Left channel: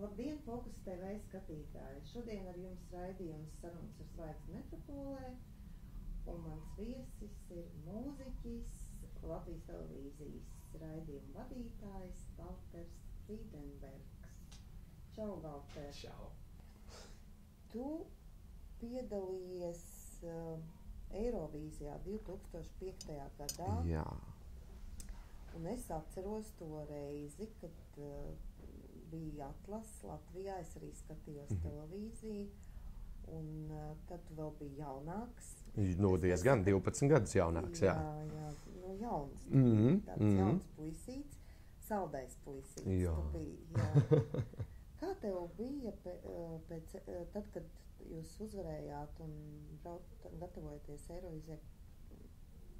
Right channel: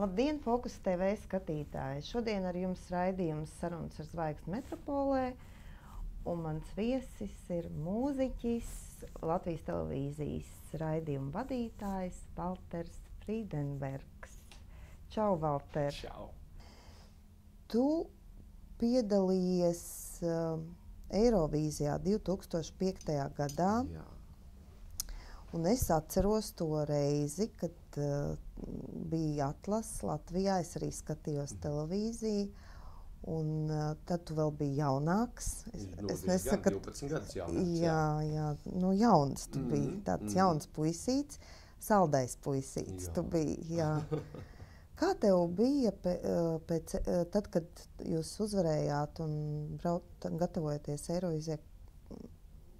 Labdien, Fokus TV skatītāji! Šodien ar jums raidījums Sarunas ar zvaigzni metropolē, un mans viesis ir mūziķis, Latvijas televīzijas raidījuma vadītājs Valters Frīdenbergs. Čau, Valter! Čau! Tu piedalījies Eirovīzijā 2005. gadā. Jā. Un es atceros to reizi, kad bija atlase Latvijā, es arī skatījos televīziju, un tad tu vēl biji jaunāks. Diezgan 12 gadus jaunāks. Jā, nu jauns tu biji, tāds jauns puisīts, saldais puisīts tu biji, jā. Kā tev bija tad, kad jūs uzvarējāt un gatavojaties Eirovīzijai,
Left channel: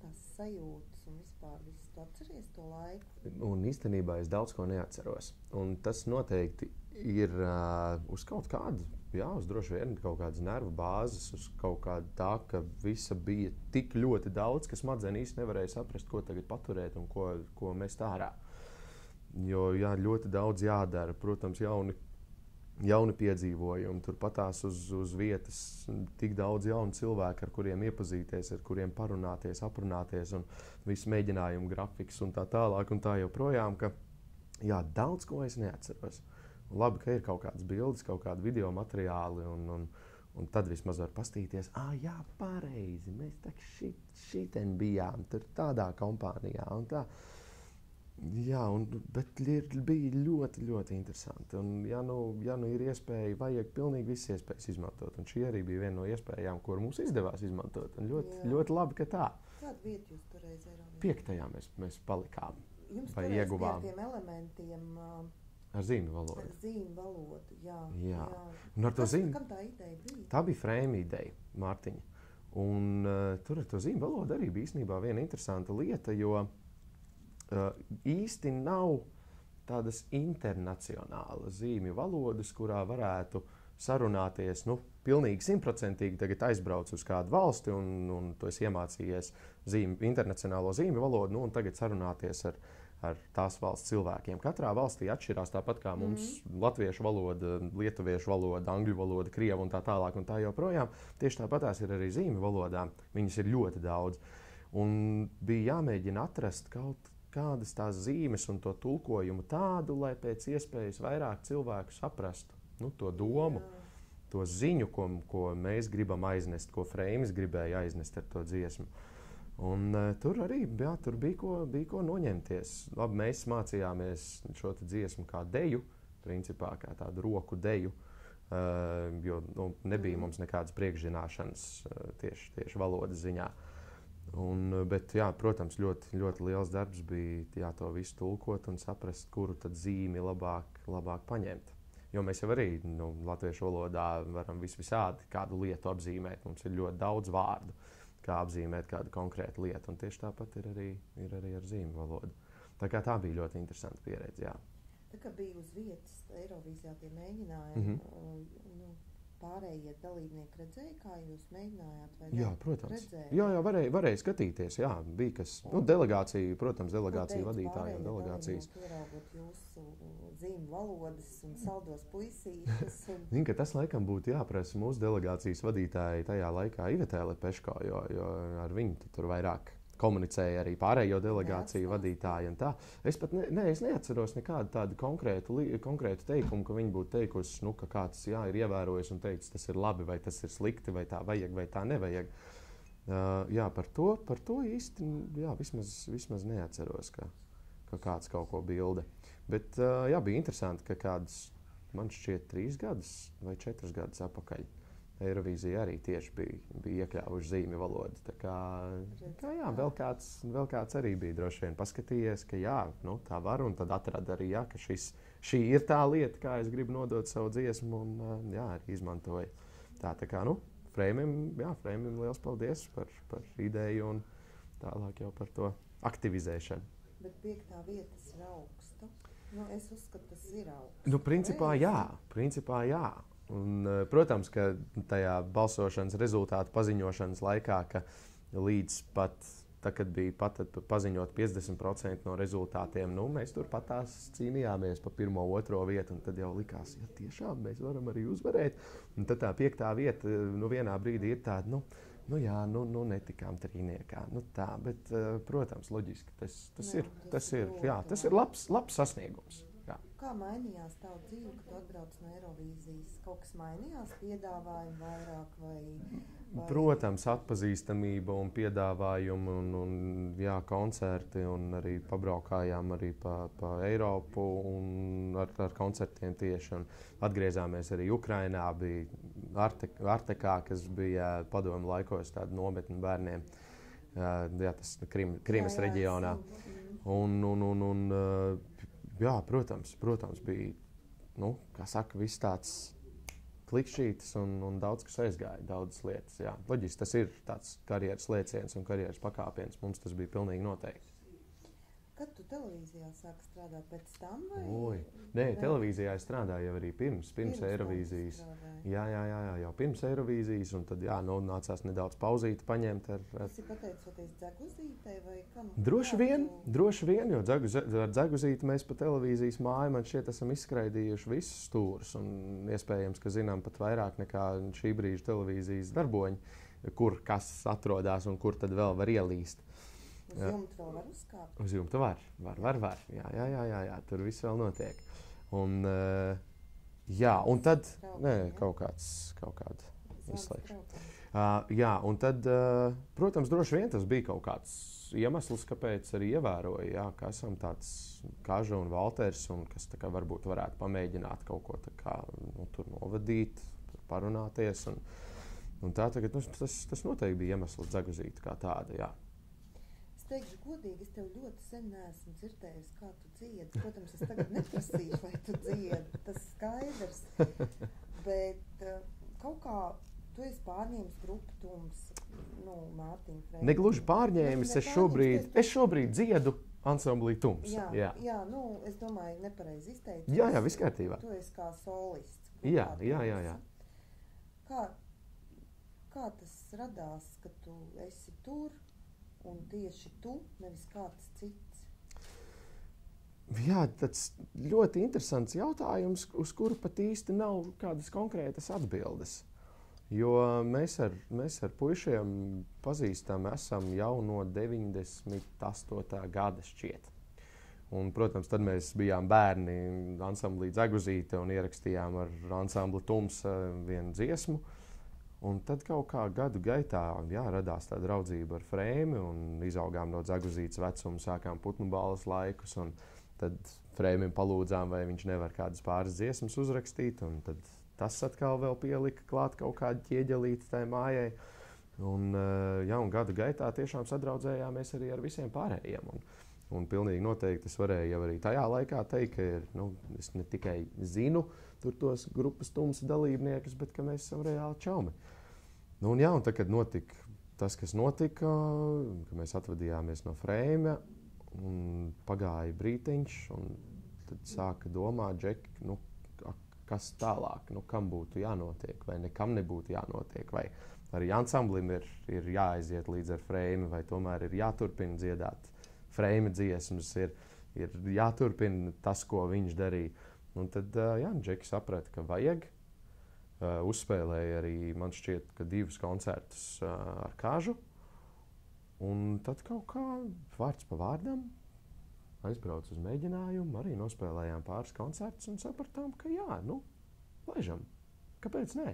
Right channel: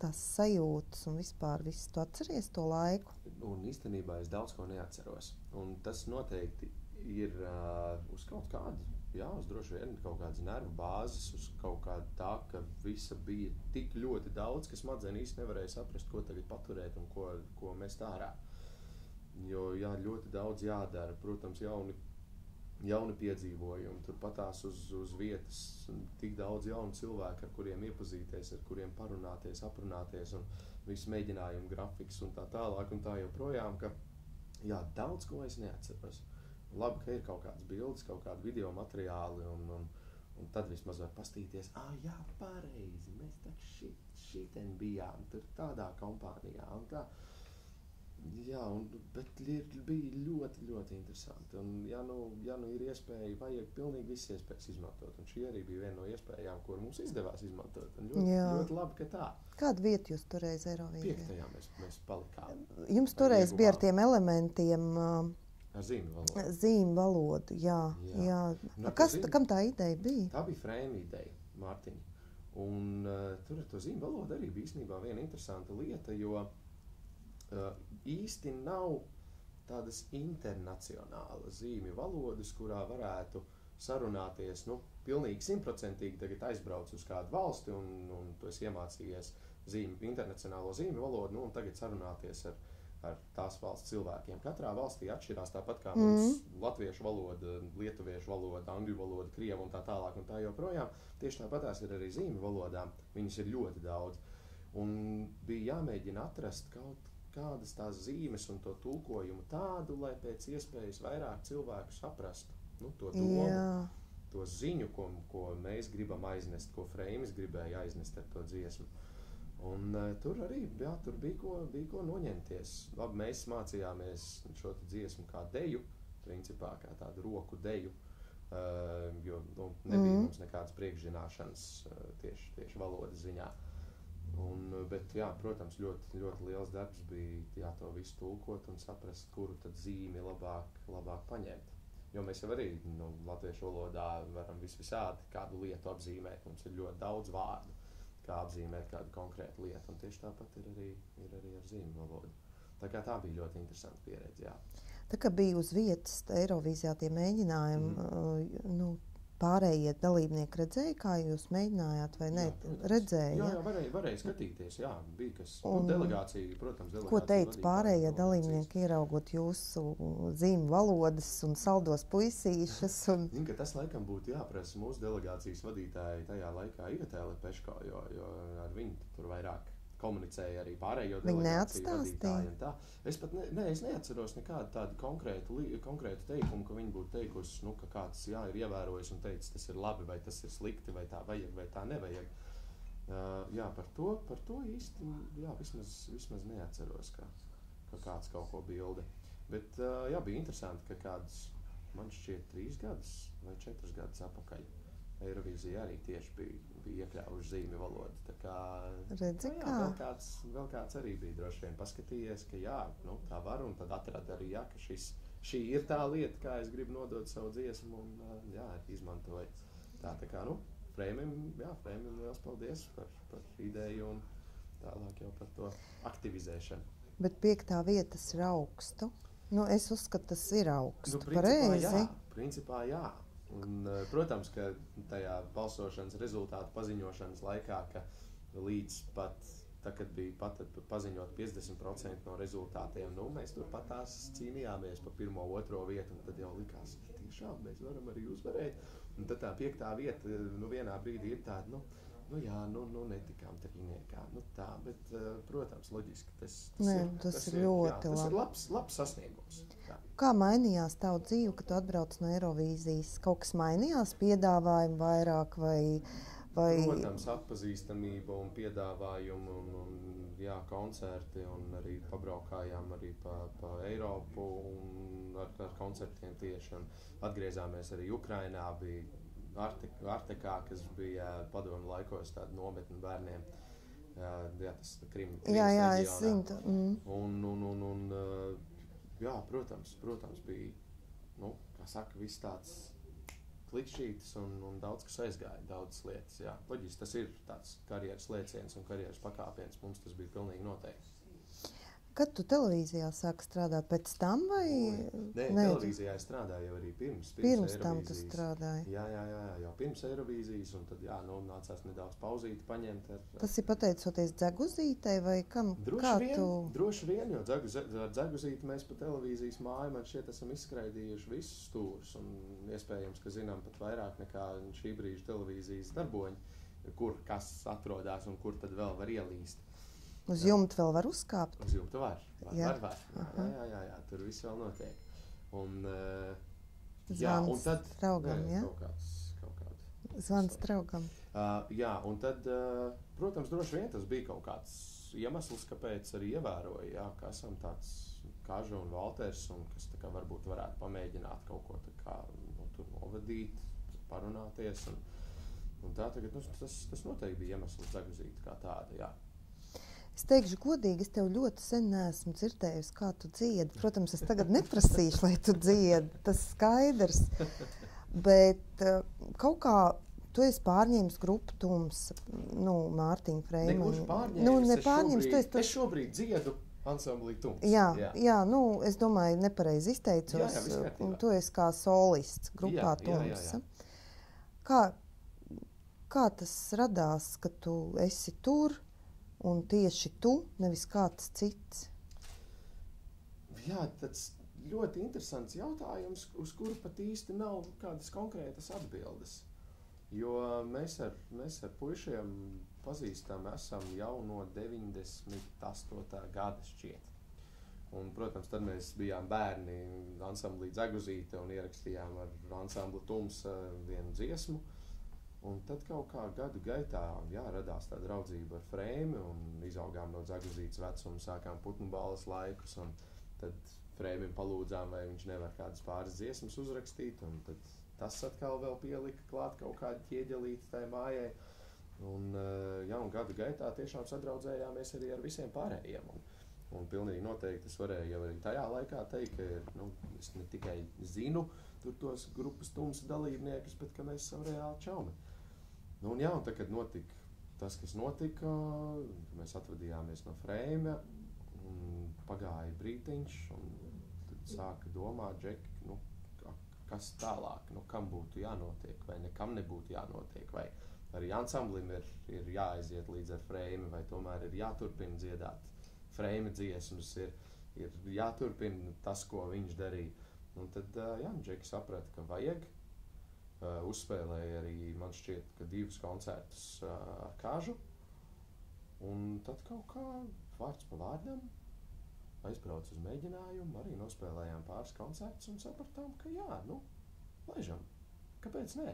tās sajūtas un vispār visu tu atceries to laiku? Un īstenībā es daudz ko neatceros. Un tas noteikti ir uz kaut kādu, uz droši vien kaut kādas nervu bāzes, uz kaut kādu tā, ka visa bija tik ļoti daudz, ka smadzenes īsti nevarēja saprast, ko tagad paturēt un ko mest ārā. Jo ļoti daudz jādara, protams, jauni piedzīvojumi, turpatās uz vietas tik daudz jaunu cilvēku, ar kuriem iepazīties, ar kuriem parunāties, aprunāties un visu mēģinājumu grafiks un tā tālāk un tā joprojām, ka daudz ko es neatceros. Un labi, ka ir kaut kādas bildes, kaut kādi video materiāli un tad vismaz var pastīties, jā, pareizi, mēs tak šiten bijām, tur tādā kompānijā un tā. Jā, bet bija ļoti, ļoti interesanti. Un, ja nu ir iespēja, vajag pilnīgi visas iespējas izmantot. Un šī arī bija viena no iespējām, kuru mums izdevās izmantot. Un ļoti labi, ka tā. Kādu vietu jūs toreiz Eirovīzijā? 5. mēs palikām. Jums toreiz bija ar tiem elementiem... Ar zīmju valodu. Zīmju valodu, jā. Kam tā ideja bija? Tā bija frēma ideja, Mārtiņa. Un tur ar to zīmju valodu arī bija īstenībā viena interesanta lieta, jo īsti nav tādas internacionālas zīmju valodas, kurā varētu sarunāties, pilnīgi 100% tagad aizbrauc uz kādu valsti un tu esi iemācījies internacionālo zīmju valodu, un tagad sarunāties ar tās valsts cilvēkiem. Katrā valstī atšķirās tāpat kā mums latviešu valoda, lietuviešu valoda, angļu valoda, krievu un tā tālāk un tā joprojām. Tieši tāpatās ir arī zīmju valodām. Viņas ir ļoti daudz. Un bija jāmēģina atrast kaut kādas tās zīmes un to tulkojumu tādu, lai pēc iespējas vairāk cilvēku saprastu to domu, to ziņu, ko mēs gribam aiznest, ko Freimis gribēja aiznest ar to dziesmu. Un tur arī tur bija ko noņemties. Labi, mēs mācījāmies šo dziesmu kā deju, principā kā tādu roku deju, jo nebija mums nekādas priekšzināšanas tieši valodas ziņā. Bet, protams, ļoti, ļoti liels darbs bija to visu tulkot un saprast, kuru tad zīmi labāk paņemt. Jo mēs jau arī latviešu valodā varam visādi kādu lietu apzīmēt. Mums ir ļoti daudz vārdu, kā apzīmēt kādu konkrētu lietu. Un tieši tāpat ir arī ar zīmju valodu. Tā bija ļoti interesanta pieredze, jā. Tā kā bija uz vietas Eirovīzijā tie mēģinājumi, pārējie dalībnieki redzēja, kā jūs mēģinājāt, vai ne? Jā, protams. Redzēja? Jā, varēja skatīties, bija kas. Delegācija, protams, ko teica pārējie dalībnieki, ieraugot jūsu zīmju valodas un saldos puisīšas? Ka tas laikam būtu jāprasa mūsu delegācijas vadītāji tajā laikā Ivetē Lepeško, jo ar viņu tur vairāk komunicēja arī pārējo delegāciju vadītāji un tā. Es pat es neatceros nekādu tādu konkrētu teikumu, ka viņi būtu teikusi, ka kāds ir ievērojis un teicis, tas ir labi, vai tas ir slikti, vai tā vajag, vai tā nevajag. Par to īsti, vismaz neatceros, ka kāds kaut ko bilde. Bet, bija interesanti, ka kāds, man šķiet, 3 gadus vai 4 gadus atpakaļ Eirovīzija arī tieši bija iekļāvuši zīmju valodu. Tā kā vēl kāds arī bija droši vien paskatījies, ka tā var, un tad atrada arī, ka šī ir tā lieta, kā es gribu nodot savu dziesmu, un arī izmantoju. Tā kā, Freimim liels paldies par ideju un tālāk jau par to aktivizēšanu. Bet 5. vietas ir augstu. Es uzskatu, tas ir augstu. Principā jā. Un, protams, ka tajā balsošanas rezultātu paziņošanas laikā, ka līdz pat tā, kad bija paziņot 50% no rezultātiem, nu, mēs turpat tās cīnījāmies pa 1. 2. vietu, un tad jau likās, ja tiešām mēs varam arī uzvarēt. Un tad tā 5. vieta, nu, vienā brīdī ir tāda, nu netikām trīniekā. Nu tā, bet, protams, loģiski, tas ir labs sasniegums. Jā. Kā mainījās tavu dzīve, kad tu atbrauc no Eirovīzijas? Kaut kas mainījās, piedāvājumi vairāk vai... Protams, atpazīstamība un piedāvājumi un jā, koncerti, un arī pabraukājām arī pa Eiropu un ar koncertiem tieši. Un atgriezāmies arī Ukrainā, bija Artekā, kas bija padomu laikos tāda nometne bērniem. Jā, tas Krimas reģionā. Jā, protams, bija, nu, kā saka, viss tāds klikšķītas un daudz kas aizgāja, daudzas lietas. Jā. Loģiski, tas ir tāds karjeras lēciens un karjeras pakāpiens. Mums tas bija pilnīgi noteikti. Kad tu televīzijā sāki strādāt pēc tam? Nē, televīzijā es strādāju jau arī pirms Eirovīzijas. Jā, jau pirms Eirovīzijas, un tad nācās nedaudz pauzīti paņemt. Tas ir pateicoties Dzeguzītei vai kam? Droši vien, jo ar Dzeguzīti mēs pa televīzijas māju man šķiet esam izskraidījuši visus stūrus, un iespējams, ka zinām pat vairāk nekā šī brīža televīzijas darboņi, kur kas atrodas un kur tad vēl var ielīst. Uz jumta vēl var uzkāpt? Uz jumta var. Jā, tur viss vēl notiek. Un, un tad... Kaut kāds... Zvans draugam. Jā, un tad, protams, droši vien tas bija kaut kāds iemesls, kāpēc arī ievēroja, jā, ka esam tāds Kaža un Valters, un kas tā kā varbūt varētu pamēģināt kaut ko tā kā, tur novadīt, parunāties. Un tā tagad, tas noteikti bija iemesls Dzeguzīte kā tāda, jā. Es teikšu godīgi, es tev ļoti sen neesmu dzirdējusi, kā tu dziedi. Protams, es tagad neprasīšu, lai tu dziedi, tas skaidrs. Bet kaut kā tu esi pārņēmis grupu Tums, Mārtiņa Freimana. Negluži pārņēmis, es šobrīd dziedu ansamblī Tums. Jā, es domāju, nepareizi izteicos. Jā, viss kārtībā. Tu esi kā solists grupā Tums. Jā. Kā tas radās, ka tu esi tur? Un tieši tu, nevis kāds cits? Jā, tas ļoti interesants jautājums, uz kuru pat īsti nav kādas konkrētas atbildes. Jo mēs ar puišiem pazīstam esam jau no 98. gada šķiet. Un, protams, tad mēs bijām bērni ansamblī Dzeguzīte un ierakstījām ar ansambli Tums vienu dziesmu. Un tad kaut kā gadu gaitā radās tā draudzība ar Freimi un izaugām no Dzeguzītes vecuma, sākām putnu balles laikus. Un tad Freimim palūdzām, vai viņš nevar kādas pāris dziesmas uzrakstīt. Un tad tas atkal vēl pielika klāt kaut kādu ķieģelīti tai mājai. Un gadu gaitā tiešām sadraudzējāmies arī ar visiem pārējiem. Un pilnīgi noteikti es varēju jau arī tajā laikā teikt, ka es ne tikai zinu tur tos grupas Tums dalībniekus, bet ka mēs esam reāli čaumi. Un tad, kad notika tas, kas notika, ka mēs atvadījāmies no Freima, un pagāja brītiņš, un tad sāka domāt, Džeki, kas tālāk, kam būtu jānotiek, vai nekam nebūtu jānotiek, vai arī ansamblim ir jāaiziet līdz ar Freimu, vai tomēr ir jāturpina dziedāt Freima dziesmas, ir jāturpina tas, ko viņš darīja. Un tad Džeki saprata, ka vajag. Uzspēlēja arī, man šķiet, ka 2 koncertus ar Kažu. Un tad kaut kā vārds pa vārdam aizbraucu uz mēģinājumu, arī nospēlējām pāris koncertus un sapratām, ka laižam. Kāpēc nē?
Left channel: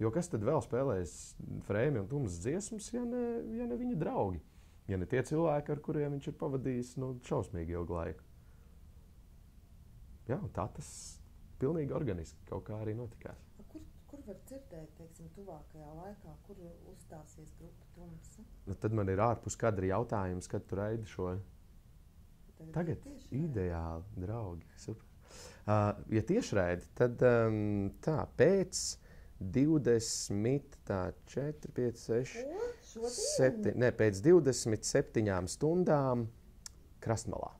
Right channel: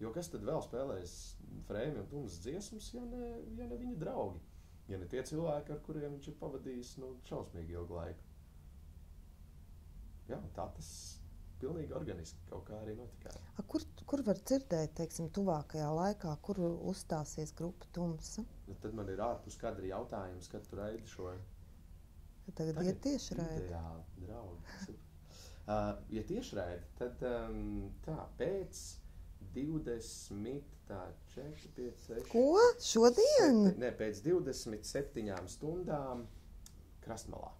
Jo kas tad vēl spēlēs Freimi un Tums dziesmas, ja ne viņa draugi? Ja ne tie cilvēki, ar kuriem viņš ir pavadījis šausmīgi ilgu laiku. Jā, tā tas pilnīgi organiski kaut kā arī notikās. Kur var dzirdēt, teiksim, tuvākajā laikā, kur uzstāsies grupa Tums? Tad man ir ārpus kadra jautājums, kad tu raidi šo? Tagad ir tiešraidi. Ideāli, draugi. Super. Ja tiešraidi, tad pēc 24, 5, 6... Ko? Šodien? Pēc 27 stundām Krastmalā,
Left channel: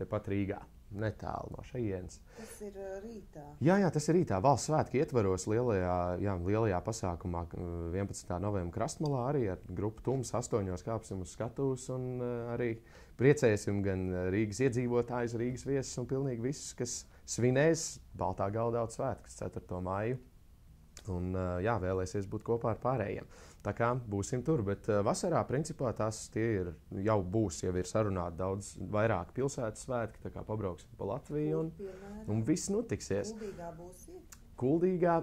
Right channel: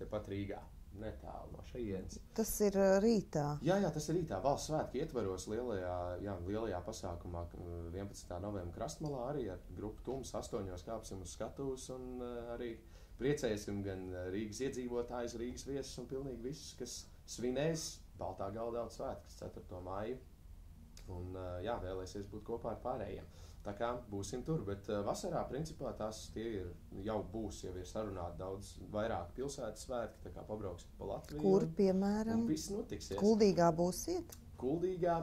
tepat Rīgā. netālu no šejienes. Tas ir rītā. Jā, tas ir rītā. Valsts svētku ietvaros lielajā pasākumā 11. novembra Krastmalā arī ar grupu Tums 8 kāpsim uz skatuves un arī priecēsim gan Rīgas iedzīvotājus, Rīgas viesus un pilnīgi visus, kas svinēs Baltā Galdauta svētkus 4. maiju. Un vēlēsies būt kopā ar pārējiem. Tā kā būsim tur, bet vasarā principā jau ir sarunāti daudz vairāk pilsētas svētki, tā kā pabrauksim pa Latviju. Kur, piemēram? Un viss notiksies. Kuldīgā būsiet? Kuldīgā,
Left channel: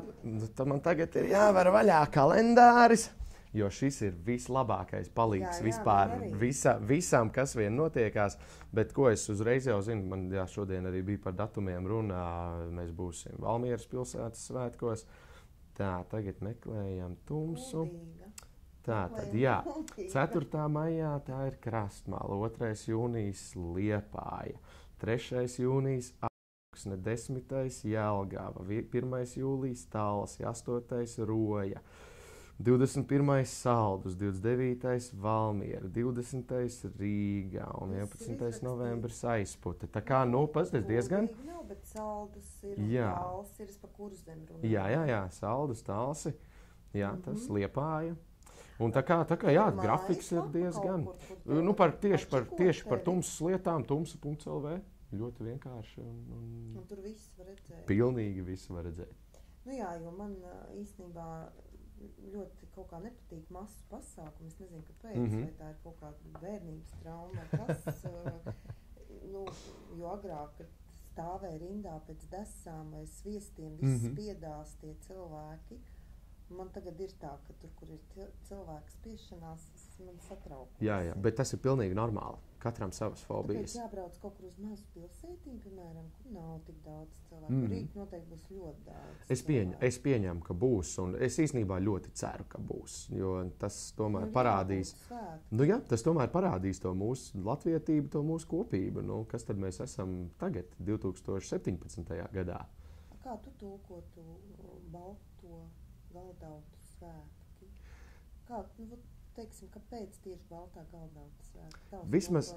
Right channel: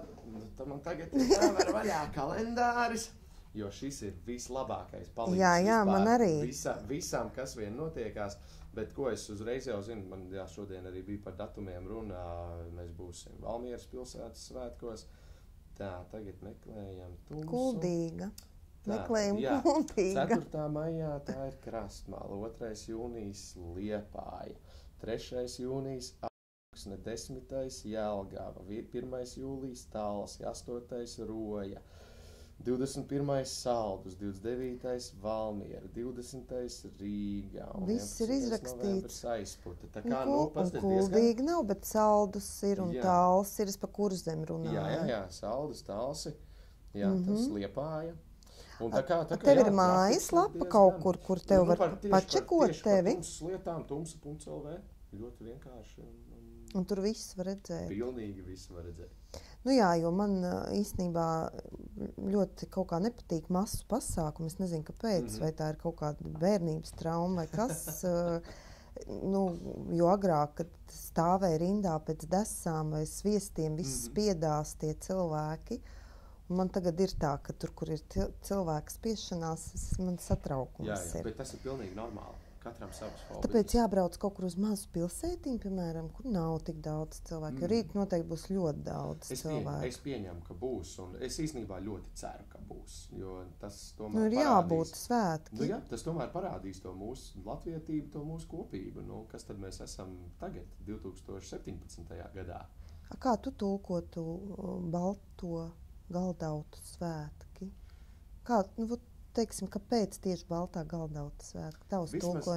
tad man tagad ir jāver vaļā kalendāris, jo šis ir vislabākais palīgs vispār visam, kas vien notiekās. Bet ko es uzreiz jau zinu, man šodien arī bija par datumiem runā, mēs būsim Valmieras pilsētas svētkos. Tā, tagad meklējam Tumsu. Kuldīga. Kuldīga. 4. maijā tā ir Krastmala, 2. jūnijas Liepāja, 3. jūnijas Augsne, 10. Jelgava, 1. jūlijas Talsi, 8. Roja, 21. Saldus, 29. Valmiera, 20. Rīga un 11. novembris Aizpute. Tā kā, pasties diezgan... Kuldīgi nav, bet Saldus ir un Talsi ir, es pa Kurzem runāju. Jā, Saldus, Talsi, tas Liepāja. Un tā kā tev ir mājaslapa kaut kur tev var pačekot tieši par tumsas lietām, tumsa.lv. Ļoti vienkārši. Un tur viss var redzēt. Pilnīgi viss var redzēt. Jo man īstenībā ļoti kaut kā nepatīk masu pasākumu. Es nezinu, kāpēc, vai tā ir kaut kāda bērnības trauma vai kas. Jo agrāk, kad stāvēja rindā pēc desām vai sviestiem, viss spiedās tie cilvēki. Un man tagad ir tā, ka tur, kur ir cilvēku spiešanās, man satraukums ir. Bet tas ir pilnīgi normāli. Katram savas fobijas. Tāpēc jābrauc kaut kur uz mazu pilsētiņu, piemēram, kur nav tik daudz cilvēku. Jo rīt noteikti būs ļoti daudz cilvēku. Es pieņemu, ka būs, un es īstenībā ļoti ceru, ka būs. Jo tas tomēr parādīs. Tas tomēr parādīs to mūsu latvietību, to mūsu kopību. Kas tad mēs esam tagad, 2017. gadā? Kā tu tulkotu Balto Galdautu svētki? Teiksim, kāpēc tieši Baltā Galdauta svētki? Vismaz,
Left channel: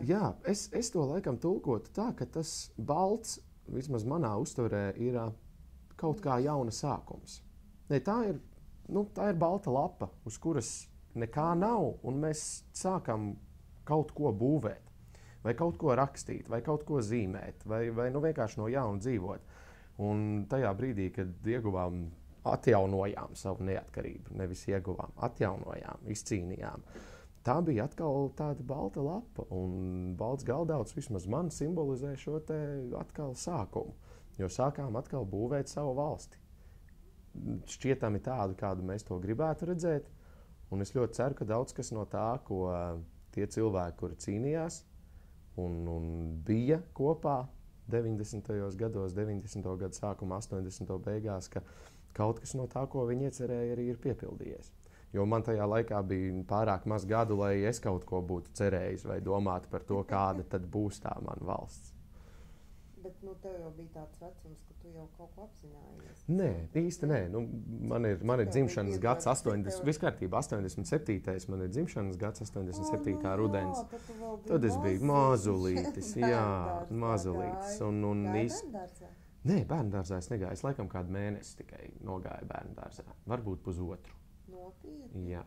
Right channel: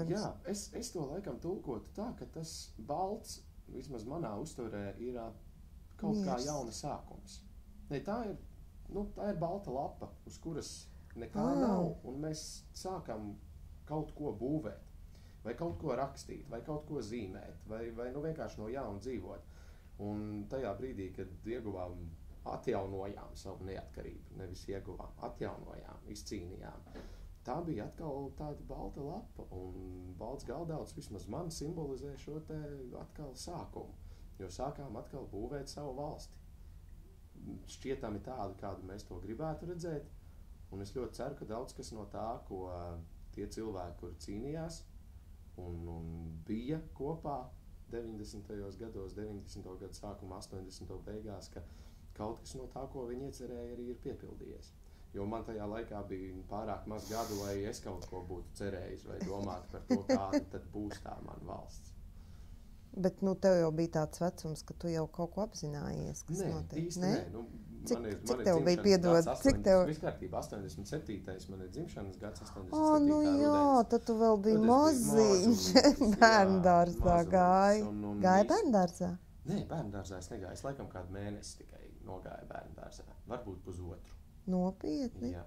es to laikam tulkotu tā, ka tas balts, vismaz manā uztverē, ir kaut kā jauna sākums. Tā ir balta lapa, uz kuras nekā nav, un mēs sākam kaut ko būvēt, vai kaut ko rakstīt, vai kaut ko zīmēt, vai vienkārši no jauna dzīvot. Un tajā brīdī, kad atjaunojām savu neatkarību, nevis ieguvām, atjaunojām, izcīnījām. Tā bija atkal tāda balta lapa, un balts Galdauts vismaz man simbolizē šo te atkal sākumu, jo sākām atkal būvēt savu valsti. Šķietami tādu, kādu mēs to gribētu redzēt, un es ļoti ceru, ka daudz kas no tā, ko tie cilvēki, kuri cīnījās un bija kopā 90. gados, 90. gadu sākumā, 80. beigās, ka kaut kas no tā, ko viņi iecerēja, arī ir piepildījies. Jo man tajā laikā bija pārāk maz gadu, lai es kaut ko būtu cerējis vai domātu par to, kāda tad būs tā mana valsts. Bet tev jau bija tāds vecums, ka tu jau kaut ko apzinājies. Nē, īsti nē. Man ir dzimšanas gads 80. Viskārtībā 87. Man ir dzimšanas gads 87. rudens. Jā, tad tu vēl biji mazulītis. Bērndārzā gāji. Gāji bērndārzā? Nē, bērndārzā es negāju. Es laikam kādu mēnesi tikai nogāju bērndārzā. Varbūt pusotru. Nopietni? Jā.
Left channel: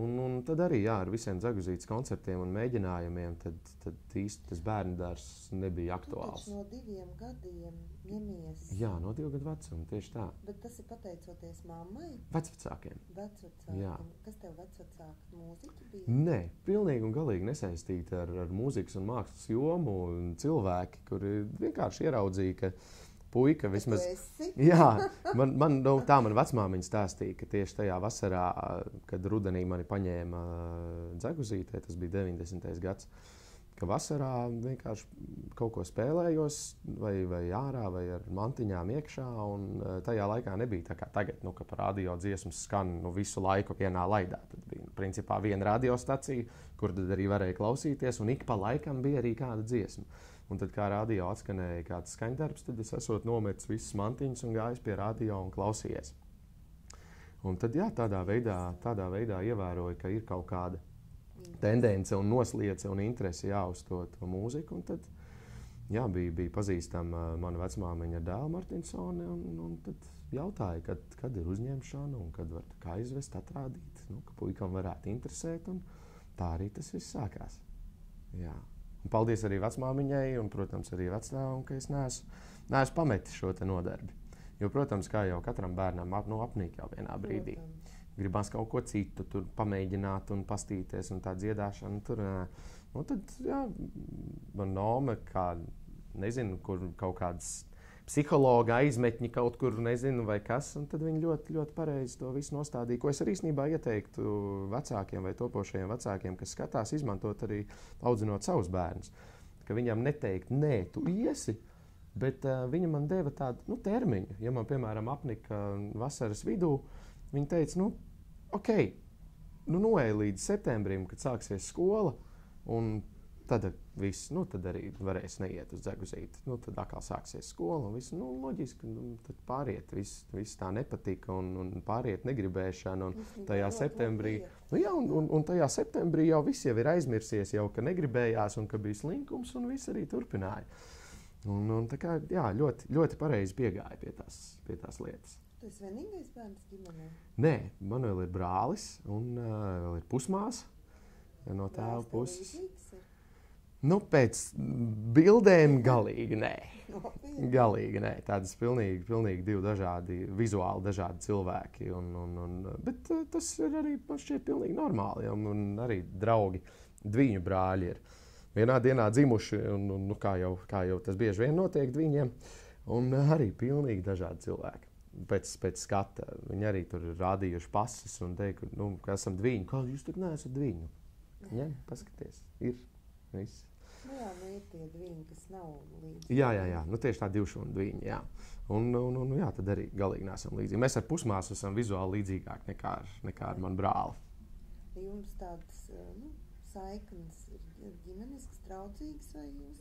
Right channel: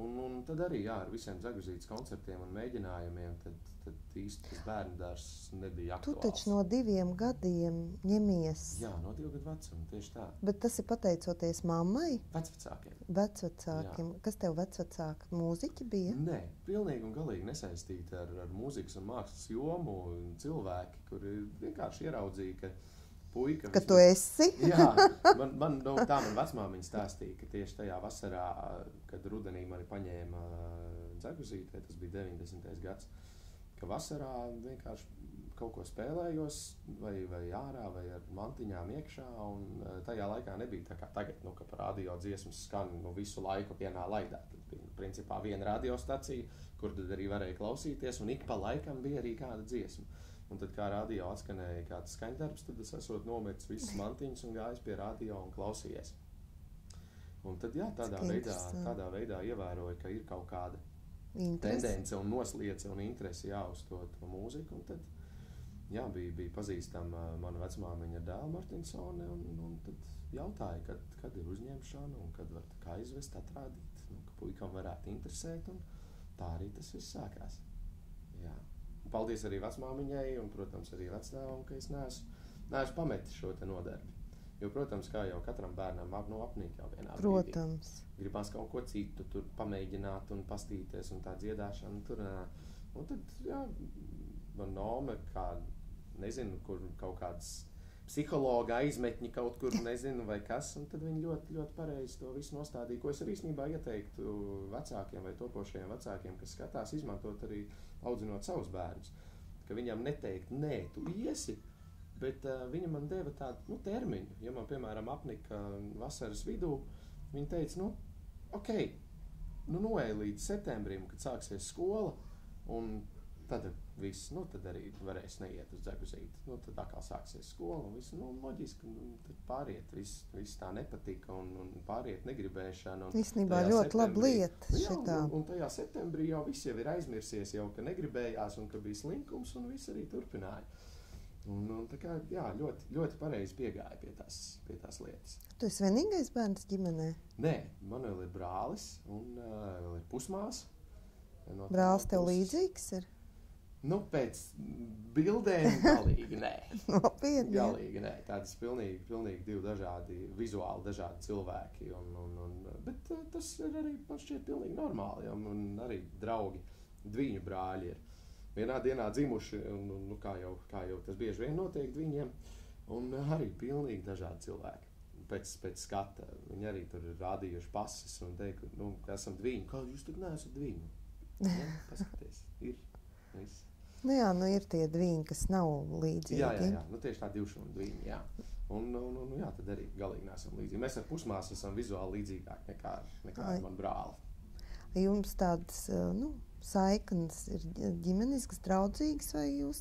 Un tad arī ar visiem Zaguzītes koncertiem un mēģinājumiem, tad īsti tas bērndārzs nebija aktuāls. Tu taču no 2 gadiem ņemies. Jā, no 2 gadu vecuma, tieši tā. Bet tas ir pateicoties mammai? Vecvecākiem. Vecvecākiem. Jā. Kas tev vecvecāki? Mūziķi bija? Nē, pilnīgi un galīgi nesaistīti ar mūzikas un mākslas jomu. Cilvēki, kuri vienkārši ieraudzīja, ka puika vismaz... Ka tu esi? Jā, man vecmāmiņa stāstīja, ka tieši tajā vasarā, kad rudenī mani paņēma Zaguzītē, tas bija 90. gads, ka vasarā vienkārši kaut ko spēlējos vai ārā, vai ar mantiņām iekšā, un tajā laikā nebija tā kā tagad, ka par radio dziesmas skan visu laiku vienā laidā. Tad bija principā viena radiostacija, kur tad arī varēja klausīties, un ik pa laikam bija arī kāda dziesma. Un tad, kā radio atskanēja kāds skaņdarbs, tad es esot nometis visas mantiņas un gājis pie radio un klausījies. Un tad, tādā veidā ievēroju, ka ir kaut kāda tendence un nosliece un interese uz to mūziku. Un tad Jā, bija pazīstama mana vecmāmiņa ar dēlu Martinsoni, un tad jautāja, kad ir uzņemšana un kad var kā izvest, atrādīt, ka puikam varētu interesēt, un tā arī tas viss sākās. Jā. Un paldies arī vecmāmiņai un, protams, arī vectēvam, ka es neesmu pametis šo te nodarbi. Jo, protams, kā jau katram bērnam apnīk jau vienā brīdī. Protams. Gribās kaut ko citu tur pamēģināt un pastīties un tā dziedāšana tur. Un tad, jā, man nome, kā, nezinu, kur kaut kādas psihologa aizmetņi kaut kur, nezinu, vai kas, un tad viņi ļoti, ļoti pareizi to visu nostādīja, ko es arī īstenībā ieteiktu vecākiem vai topošajiem vecākiem, kas skatās, izmantot arī audzinot savus bērnus. Ka viņam neteikt, nē, tu iesi, bet viņa man deva tādu termiņu. Ja man, piemēram, apnika vasaras vidū, viņa teica, ok, noej līdz septembrim, kad sāksies skola, un tad viss, tad arī varēs neiet uz Dzeguzīti. Tad atkal sāksies skola, un viss, loģiski, tad pāriet, viss tā nepatika, un pāriet negribēšana. Īstenībā ļoti laba lieta. Jā, un tajā septembrī jau viss jau ir aizmirsies, jau, ka negribējās, un ka bija slinkums, un viss arī turpināja. Un tā kā, jā, ļoti, ļoti pareizi piegāja pie tās lietas. Tu esi vienīgais bērns ģimenē? Nē, man vēl ir brālis, un vēl ir pusmās. No brālis tev līdzīgs ir? Pēc bildēm galīgi nē. Nopietni? Galīgi nē. Tādas pilnīgi divi dažādi, vizuāli dažādi cilvēki. Bet tas ir arī, man šķiet, pilnīgi normāli. Un arī draugi, dviņu brāļi ir vienā dienā dzimuši, un kā jau tas bieži vien notiek dviņiem, un arī pilnīgi dažādi cilvēki. Pēc skata. Viņi arī tur ir rādījuši pases un teikuši, ka esam dviņi. Kā jūs tad neesat dviņi? Ja, paskaties, ir viss. Ir tie dviņi, kas nav līdzīgi. Jā. Tieši tā divšūna dviņi, jā. Un jā, tad arī galīgi neesam līdzīgi. Mēs ar pusmāsu esam vizuāli līdzīgāk nekā ar manu brāli. Jums tādas, saiknes ir ģimeniskas, draudzīgas vai jūs?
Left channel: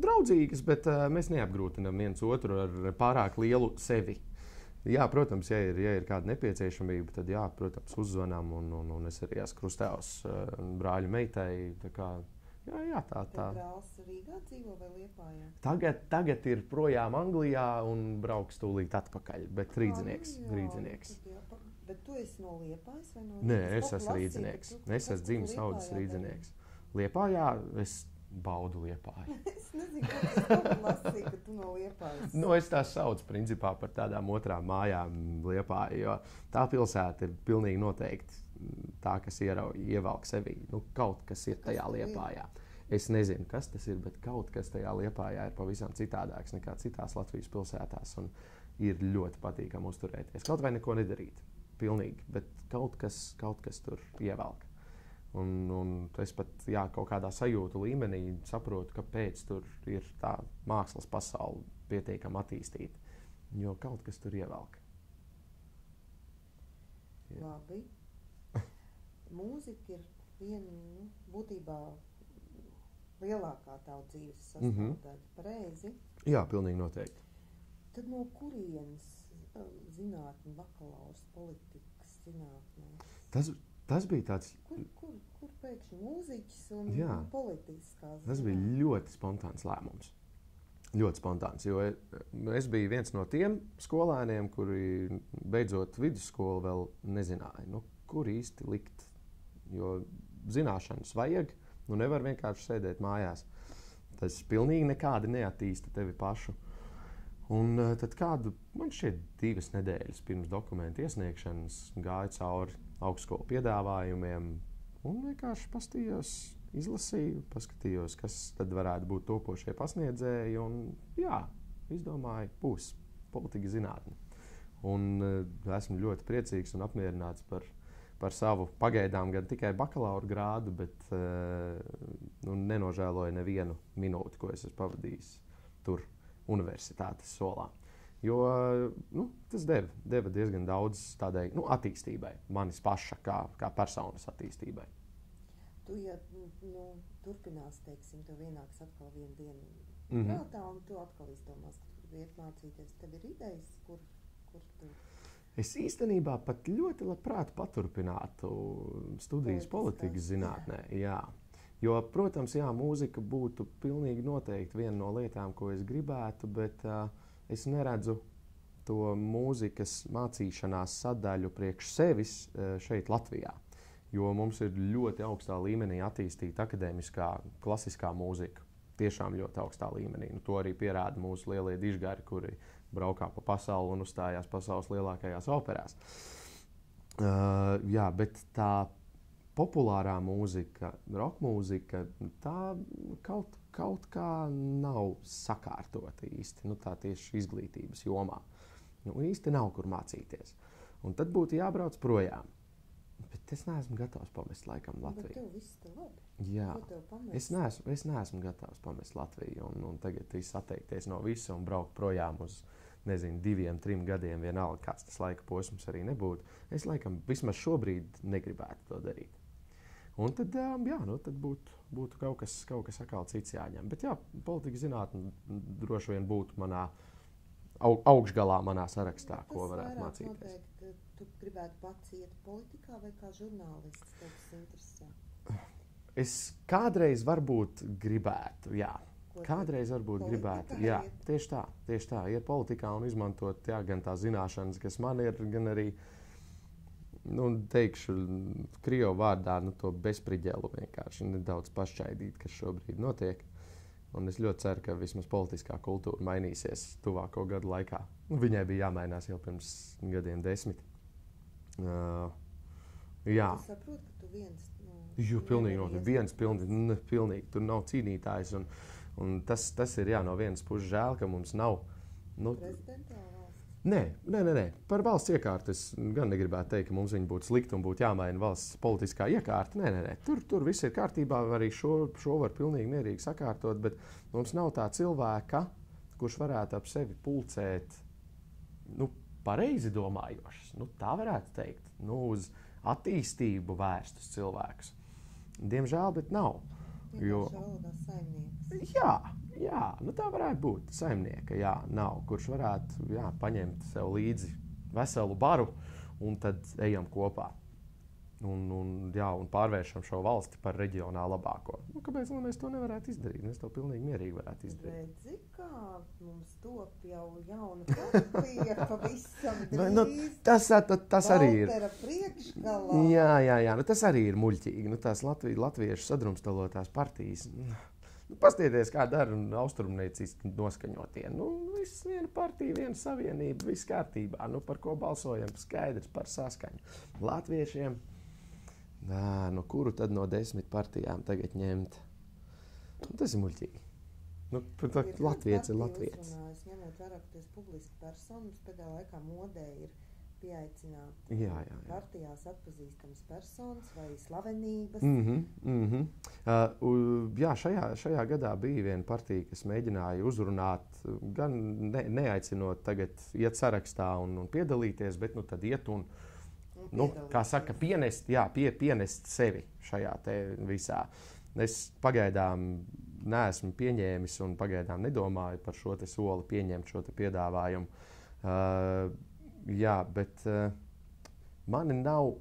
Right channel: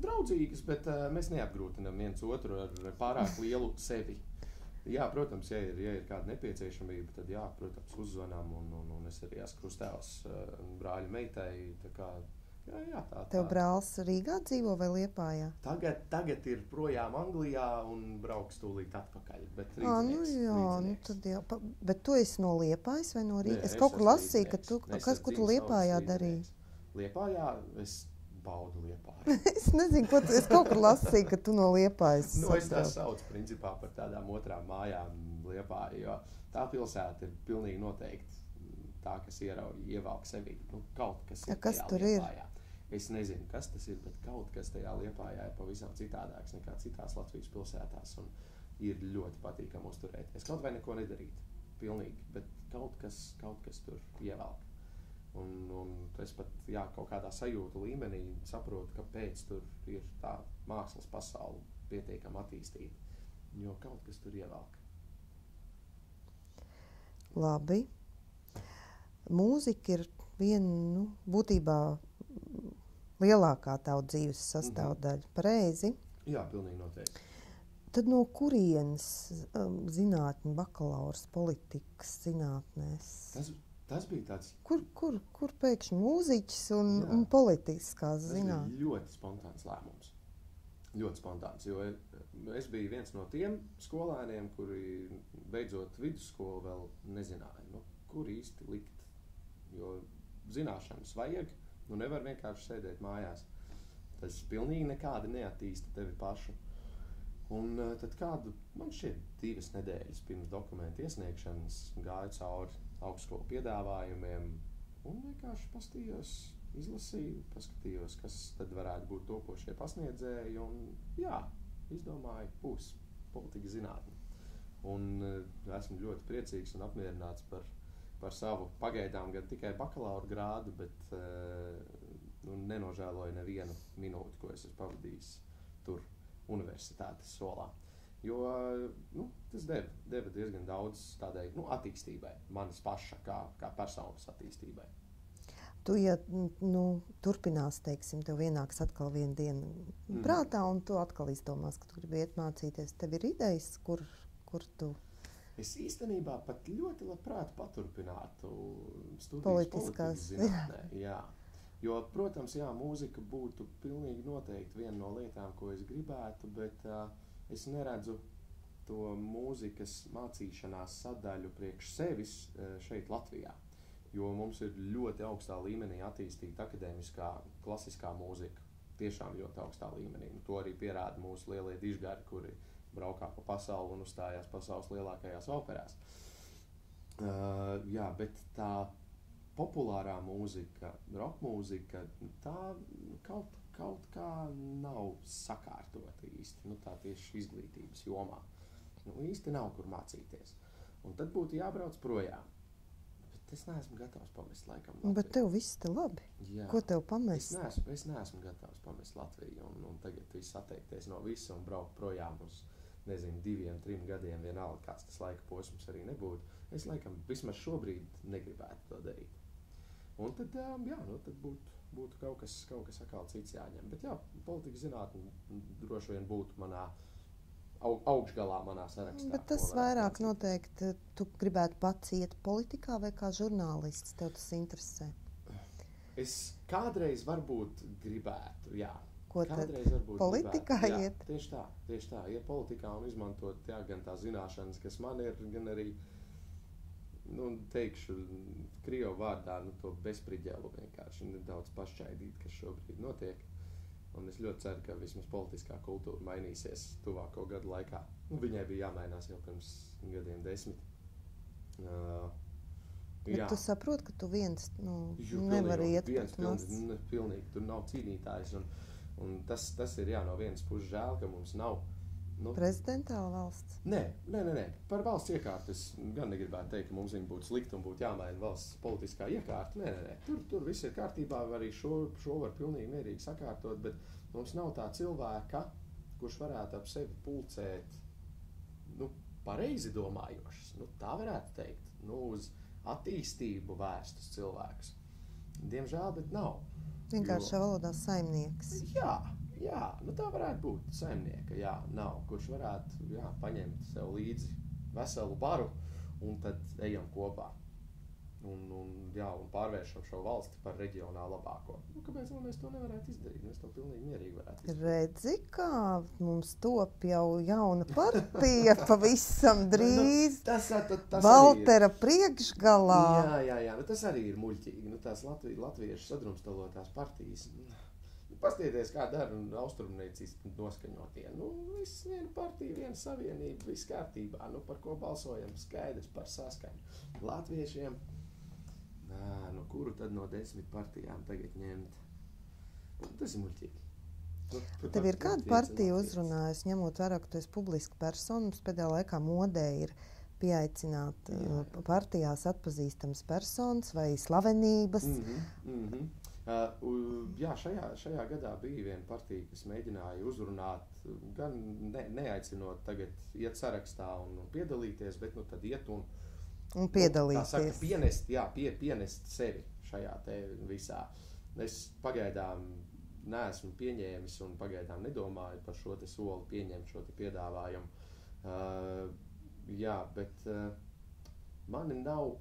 Draudzīgas, bet mēs neapgrūtinām viens otru ar pārāk lielu sevi. Jā, protams, ja ir kāda nepieciešamība, tad jā, protams, uzzvanām, un es arī esmu krustāvs brāļu meitai, tā kā, jā, tā. Tev brālis Rīgā dzīvo vai Liepājā? Tagad ir projām Anglijā un brauks tūlīt atpakaļ, bet rīdzinieks. Bet tu esi no Liepājas vai no Rīgas? Es kaut kur lasīju, ka tu Liepājā darīji. Liepājā es baudu Liepāju. Es nezinu, es kaut kur lasīju, ka tu no Liepājas. Es tā saucu principā par tādām otrām mājām Liepāju, jo tā pilsēta ir pilnīgi noteikti tā, kas ievelk sevī. Kaut kas ir tajā Liepājā. Es nezinu, kas tas ir, bet kaut kas tajā Liepājā ir pavisam citādāks nekā citās Latvijas pilsētās, un ir ļoti patīkami uzturēties. Kaut vai neko nedarīt, pilnīgi, bet kaut kas tur ievelk. Un es pat kaut kādā sajūtu līmenī saprotu, kāpēc tur ir tā mākslas pasaule pietiekami attīstīta. Jo kaut kas tur ievelk. Labi. Mūzika ir viena, būtībā lielākā tava dzīves sastāvdaļa. Pareizi? Jā, pilnīgi noteikti. Tad no kurienes zinātņu bakalaurs politikas zinātnēs? Tas bija tāds... Kur pēkšņi mūziķis un politiskās zinātnes? Tas bija ļoti spontāns lēmums. Ļoti spontāns, jo es biju viens no tiem skolēniem, kuri beidzot vidusskolu vēl nezināja, kur īsti likt. Jo zināšanas vajag, nevar vienkārši sēdēt mājās. Tas pilnīgi nekādi neattīsta tevi pašu. Un tad man šķiet 2 nedēļas pirms dokumentu iesniegšanas gāju cauri augstskolu piedāvājumiem un vienkārši izlasīju, paskatījos, kas tad varētu būt topošie pasniedzēji, un izdomāju, būs politika zinātne. Un esmu ļoti priecīgs un apmierināts par savu pagaidām gan tikai bakalaura grādu, bet nenožēloju nevienu minūti, ko es esmu pavadījis tur universitātes solā. Jo tas deva diezgan daudz tādai attīstībai, manis paša kā personas attīstībai. Tu, turpinās, teiksim, tev ienāks atkal viena diena prātā, un tu atkal izdomās, ka tu gribi iet mācīties. Tev ir idejas, kur tu... Es īstenībā pat ļoti labprāt paturpinātu studijas politikas zinātnē. Jā. Jo, protams, jā, mūzika būtu pilnīgi noteikti viena no lietām, ko es gribētu, bet es neredzu to mūzikas mācīšanās sadaļu priekš sevis šeit Latvijā. Jo mums ir ļoti augstā līmenī attīstīta akadēmiskā, klasiskā mūzika. Tiešām ļoti augstā līmenī. Nu, to arī pierāda mūsu lielie dižgari, kuri braukā pa pasauli un uzstājās pasaules lielākajās operās. Jā, bet tā populārā mūzika, rock mūzika, tā kaut kā nav sakārtota īsti. Nu, tā tieši izglītības jomā. Nu, īsti nav kur mācīties. Un tad būtu jābrauc projām. Bet es neesmu gatavs pamest laikam Latviju. Bet tev viss te labi. Jā. Ko tev pamest? Es neesmu gatavs pamest Latviju un tagad viss atteikties no visa un braukt projām uz, nezinu, 2, 3 gadiem, vienalga, kāds tas laika posms arī nebūtu. Es laikam vismaz šobrīd negribētu to darīt. Un tad, jā, nu, tad būtu kaut kas atkal cits jāņem. Bet jā, politika zinātne droši vien būtu manā augšgalā manā sarakstā. Bet tas vairāk noteikti, tu gribētu pats iet politikā vai kā žurnālists, tev tas interesē? Es kādreiz varbūt gribētu, jā. Kādreiz varbūt politikā gribētu. Iet? Jā, tieši tā, iet politikā un izmantot jā, gan tās zināšanas, kas man ir, gan arī, nu, teikšu, krievu vārdā, nu, to bezpriģelu vienkārši nedaudz pašķaidīt, kas šobrīd notiek. Un es ļoti ceru, ka vismaz politiskā kultūra mainīsies tuvāko gadu laikā. Nu, viņai bija jāmainās jau pirms gadiem 10. Jā. Tu saproti, ka tu viens nevari iet. Pilnīgi, tur nav cīnītājs. Un tas ir jā, no vienas puses žēl, ka mums nav. Prezidentāla valsts? Nē. Par valsts iekārtu es gan negribētu teikt, ka mums viņa būtu slikta un būtu jāmaina valsts politiskā iekārta. Nē. Tur viss ir kārtībā, arī šo var pilnīgi mierīgi sakārtot, bet mums nav tā cilvēka, kurš varētu ap sevi pulcēt, nu, pareizi domājošas, nu, tā varētu teikt, nu, uz attīstību vērstus cilvēkus. Diemžēl, bet nav. Vienkāršā valodā saimnieks. Jā, nu tā varētu būt. Saimnieka, jā, nav. Kurš varētu paņemt sev līdzi veselu baru un tad ejam kopā. Un pārvēršam šo valsti par reģionā labāko. Nu, kāpēc mēs to nevarētu izdarīt? Mēs to pilnīgi mierīgi varētu izdarīt. Redzi, kā mums top jau jauna partija pavisam drīz. Tas Valtera priekšgalā. Jā, nu, tas arī ir muļķīgi. Nu, tās latviešu sadrumstalotās partijas. Pastieties, kā dara austrumnieciski noskaņotie. Nu, viss viena partija, viena savienība, viss kārtībā. Nu, par ko balsojam, skaidrs par saskaņu. Latviešiem, nu, kuru tad no 10 partijām tagad ņemt? Nu, tas ir muļķīgi. Nu, tev ir kāda partija uzrunājusi, ņemot vērā, ka tu esi publiska persona, mums pēdējā laikā modē ir pieaicināt partijās atpazīstamas personas vai slavenības. Jā, šajā gadā bija viena partija, kas mēģināja uzrunāt, gan neaicinot tagad iet sarakstā un piedalīties, bet nu tad iet un piedalīties. Kā saka, pienest sevi šajā te visā. Es pagaidām neesmu pieņēmis un pagaidām nedomāju par šo te soli pieņemt šo te piedāvājumu. Jā, bet mani nav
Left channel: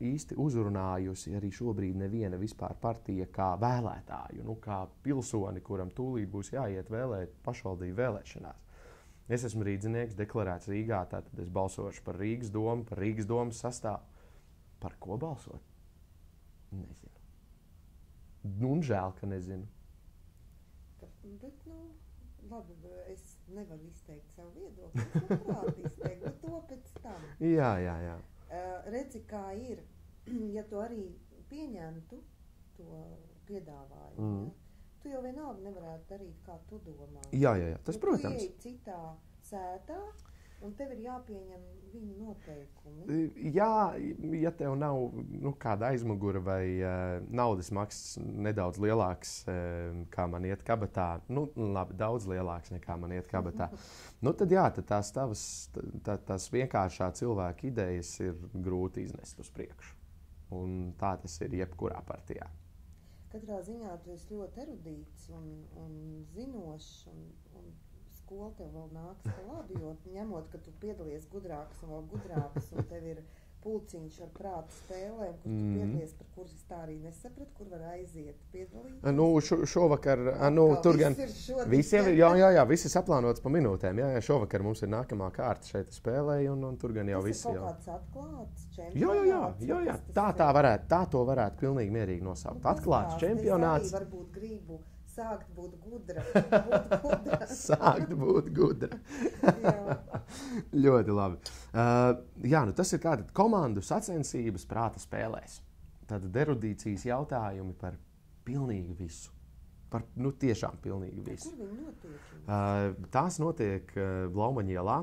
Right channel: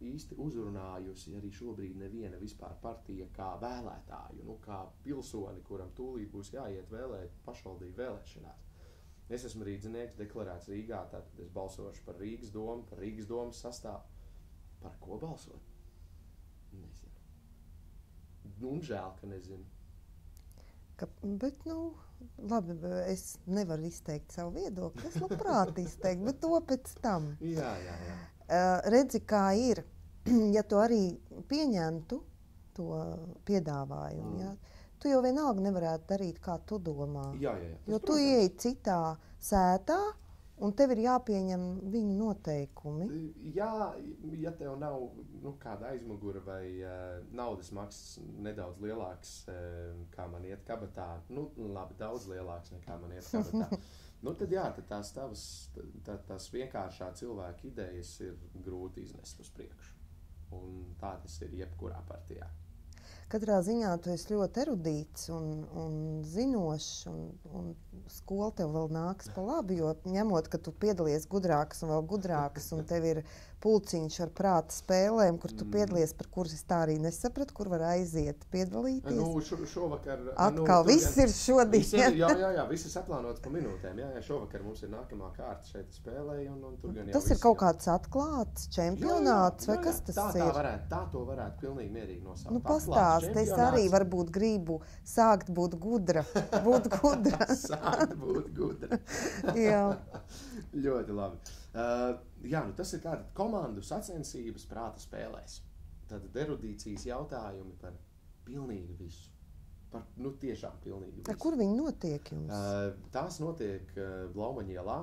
īsti uzrunājusi arī šobrīd neviena vispār partija kā vēlētāju, nu, kā pilsoni, kuram tūlīt būs jāiet vēlēt pašvaldību vēlēšanās. Es esmu rīdzinieks, deklarēts Rīgā, tātad es balsošu par Rīgas domu, par Rīgas domas sastāvu. Par ko balsot? Nezinu. Un žēl, ka nezinu. Bet, nu, labi, es nevaru izteikt savu viedokli. Es labprāt izteiktu, bet to pēc tam. Jā. Redzi, kā ir, ja tu arī pieņemtu to piedāvājumu, ja? Tu jau vienalga nevarētu darīt, kā tu domā. Jā, tas, jo tu ieej citā sētā, un tev ir jāpieņem viņu noteikumi. Jā, ja tev nav kāda aizmugura vai naudas maksas nedaudz lielāks, kā man iet kabatā, labi, daudz lielāks nekā man iet kabatā, tad jā, tad tās vienkāršā cilvēka idejas ir grūti iznest uz priekšu. Un tā tas ir jebkurā partijā. Katrā ziņā tu esi ļoti erudīts un zinošs, un skola tev vēl nāks pa labi, jo ņemot, ka tu piedalies gudrākas un vēl gudrākas, un tev ir pulciņš ar prāta spēlēm, kur tu piedalies, par kuras es tā arī nesapratu, kur var aiziet piedalīties. Nu, šovakar... Atkal viss ir šodien. Jā, viss ir saplānots pa minūtēm. Jā, šovakar mums ir nākamā kārta šeit spēlēja, un tur gan jau tas viss. Tas ir kaut kāds atklāts čempionāts, vai kas tas ir? Tā to varētu pilnīgi mierīgi nosaukt. Pastāst, es arī varbūt gribu sākt būt gudra. Sākt būt gudra. Jā. Ļoti labi. Tas ir kāda komandu sacensības prāta spēlēs. Tad erudīcijas jautājumi par pilnīgi visu. Par, tiešām pilnīgi visu. Kur viņi notiek jums? Tās notiek Blaumaņa ielā.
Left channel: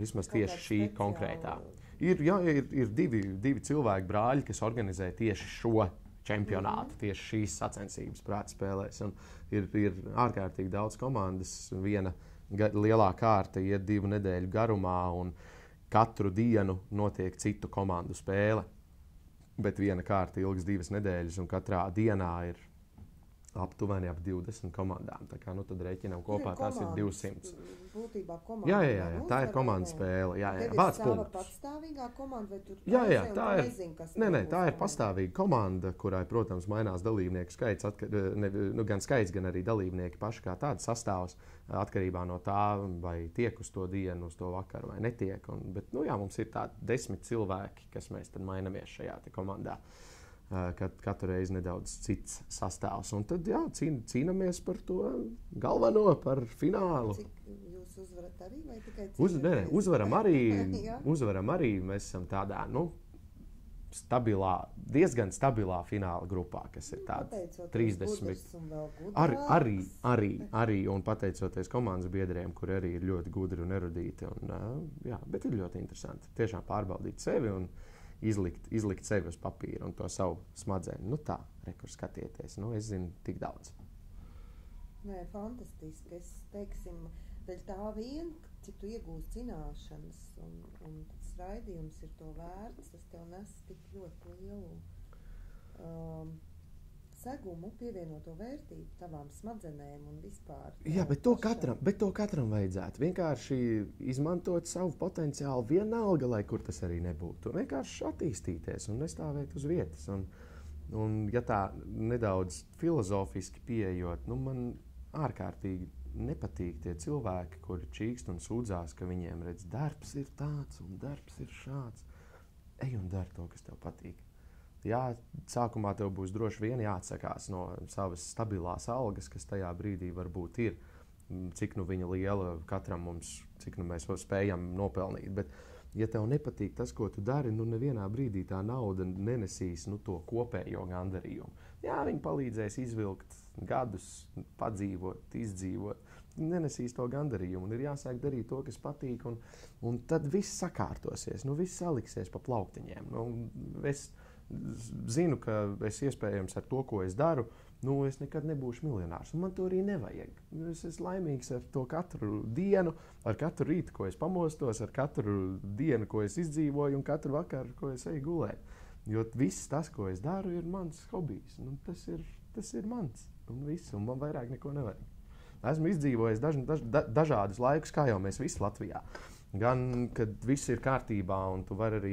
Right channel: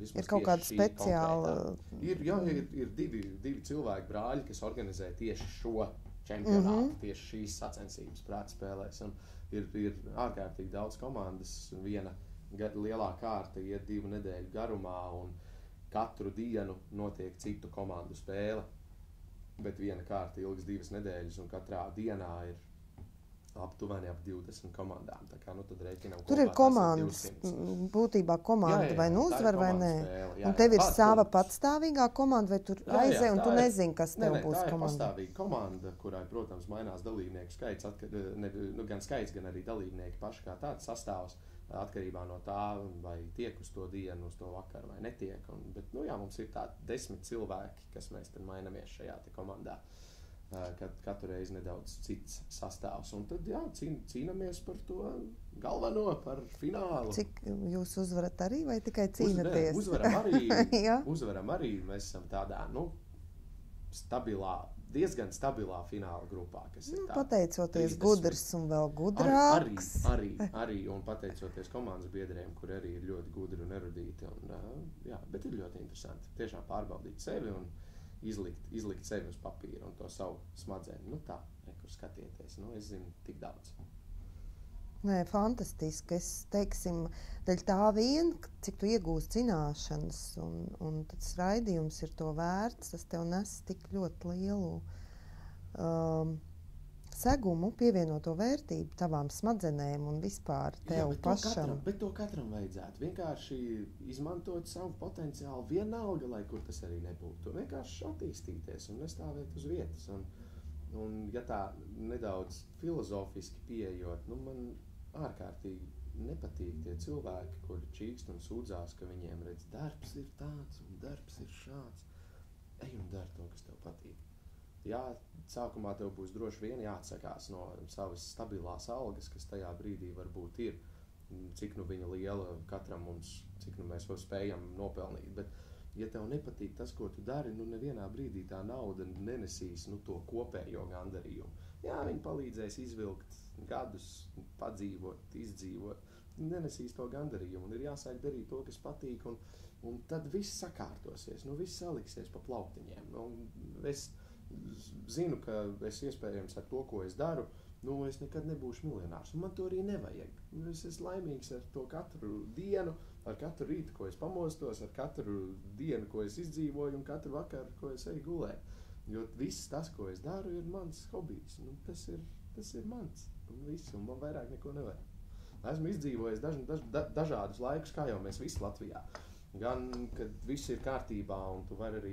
Vismaz tieši šī konkrētā. Ir divi cilvēki, brāļi, kas organizē tieši šo čempionātu, tieši šīs sacensības prāta spēlēs. Un ir ārkārtīgi daudz komandas. Viena lielā kārta iet 2 nedēļu garumā, un katru dienu notiek citu komandu spēle. Bet viena kārta ilgs 2 nedēļas, un katrā dienā ir aptuveni ap 20 komandām. Tā kā tad rēķinām kopā, tur ir komandas, būtībā komanda, vai nu uzvar, vai nē. Spēle, un tev ir sava patstāvīgā komanda, vai tur aizē, un tu nezini, kas tev būs komanda? Tā ir pastāvīga komanda, kurai, protams, mainās dalībnieku skaits, gan skaits, gan arī dalībnieki paši kā tāds sastāvs, atkarībā no tā, vai tiek uz to dienu, uz to vakaru, vai netiek. Bet mums ir tādi 10 cilvēki, kas mēs tad mainamies šajā komandā. Katru reizi nedaudz cits sastāvs. Un tad cīnāmies par to galveno, par finālu. Cik jūs uzvarat arī, vai tikai cīnaties? Uzvaram arī. Mēs esam tādā, diezgan stabilā fināla grupā, kas ir tāda. Pateicoties gudrs un vēl gudrāks. Arī, un pateicoties komandas biedriem, kuri arī ir ļoti gudri un erudīti. Bet ir ļoti interesanti tiešām pārbaudīt sevi un izlikt sevi uz papīra un to savu smadzeni. Kur skatieties. Es zinu tik daudz. Nē, fantastiski. Es teiksim, dēļ tā vien, cik tu iegūst zināšanas, un tas raidījums ir to vērts, tas tev nes tik ļoti lielu segumu, pievienoto vērtību tavām smadzenēm un vispār tev pašam. Bet to katram vajadzētu. Vienkārši izmantot savu potenciālu vienalga, lai kur tas arī nebūtu. Vienkārši attīstīties un nestāvēt uz vietas. Un ja tā nedaudz filozofiski pieejot, man ārkārtīgi nepatīk tie cilvēki, kuri čīkst un sūdzās, ka viņiem redz, darbs ir tāds un darbs ir šāds. Ej un dari to, kas tev patīk. Jā, sākumā tev būs droši vien jāatsakās no savas stabilās algas, kas tajā brīdī varbūt ir, cik viņa liela katram mums, cik mēs spējam nopelnīt. Bet, ja tev nepatīk tas, ko tu dari, nevienā brīdī tā nauda nenesīs to kopējo gandarījumu. Jā, viņi palīdzēs izvilkt gadus, padzīvot, izdzīvot. Nenesīs to gandarījumu un ir jāsāk darīt to, kas patīk, un tad viss sakārtosies, viss saliksies pa plauktiņiem. Es zinu, ka es iespējams ar to, ko es daru, es nekad nebūšu miljonārs. Un man to arī nevajag. Es esmu laimīgs ar to katru dienu, ar katru rītu, ko es pamostos, ar katru dienu, ko es izdzīvoju, un katru vakaru, ko es eju gulēt. Jo viss tas, ko es daru, ir mans hobijs. Tas ir mans. Un man vairāk neko nevajag. Esmu izdzīvojis dažādus laikus, kā jau mēs visi Latvijā. Gan, kad viss ir kārtībā, un tu vari arī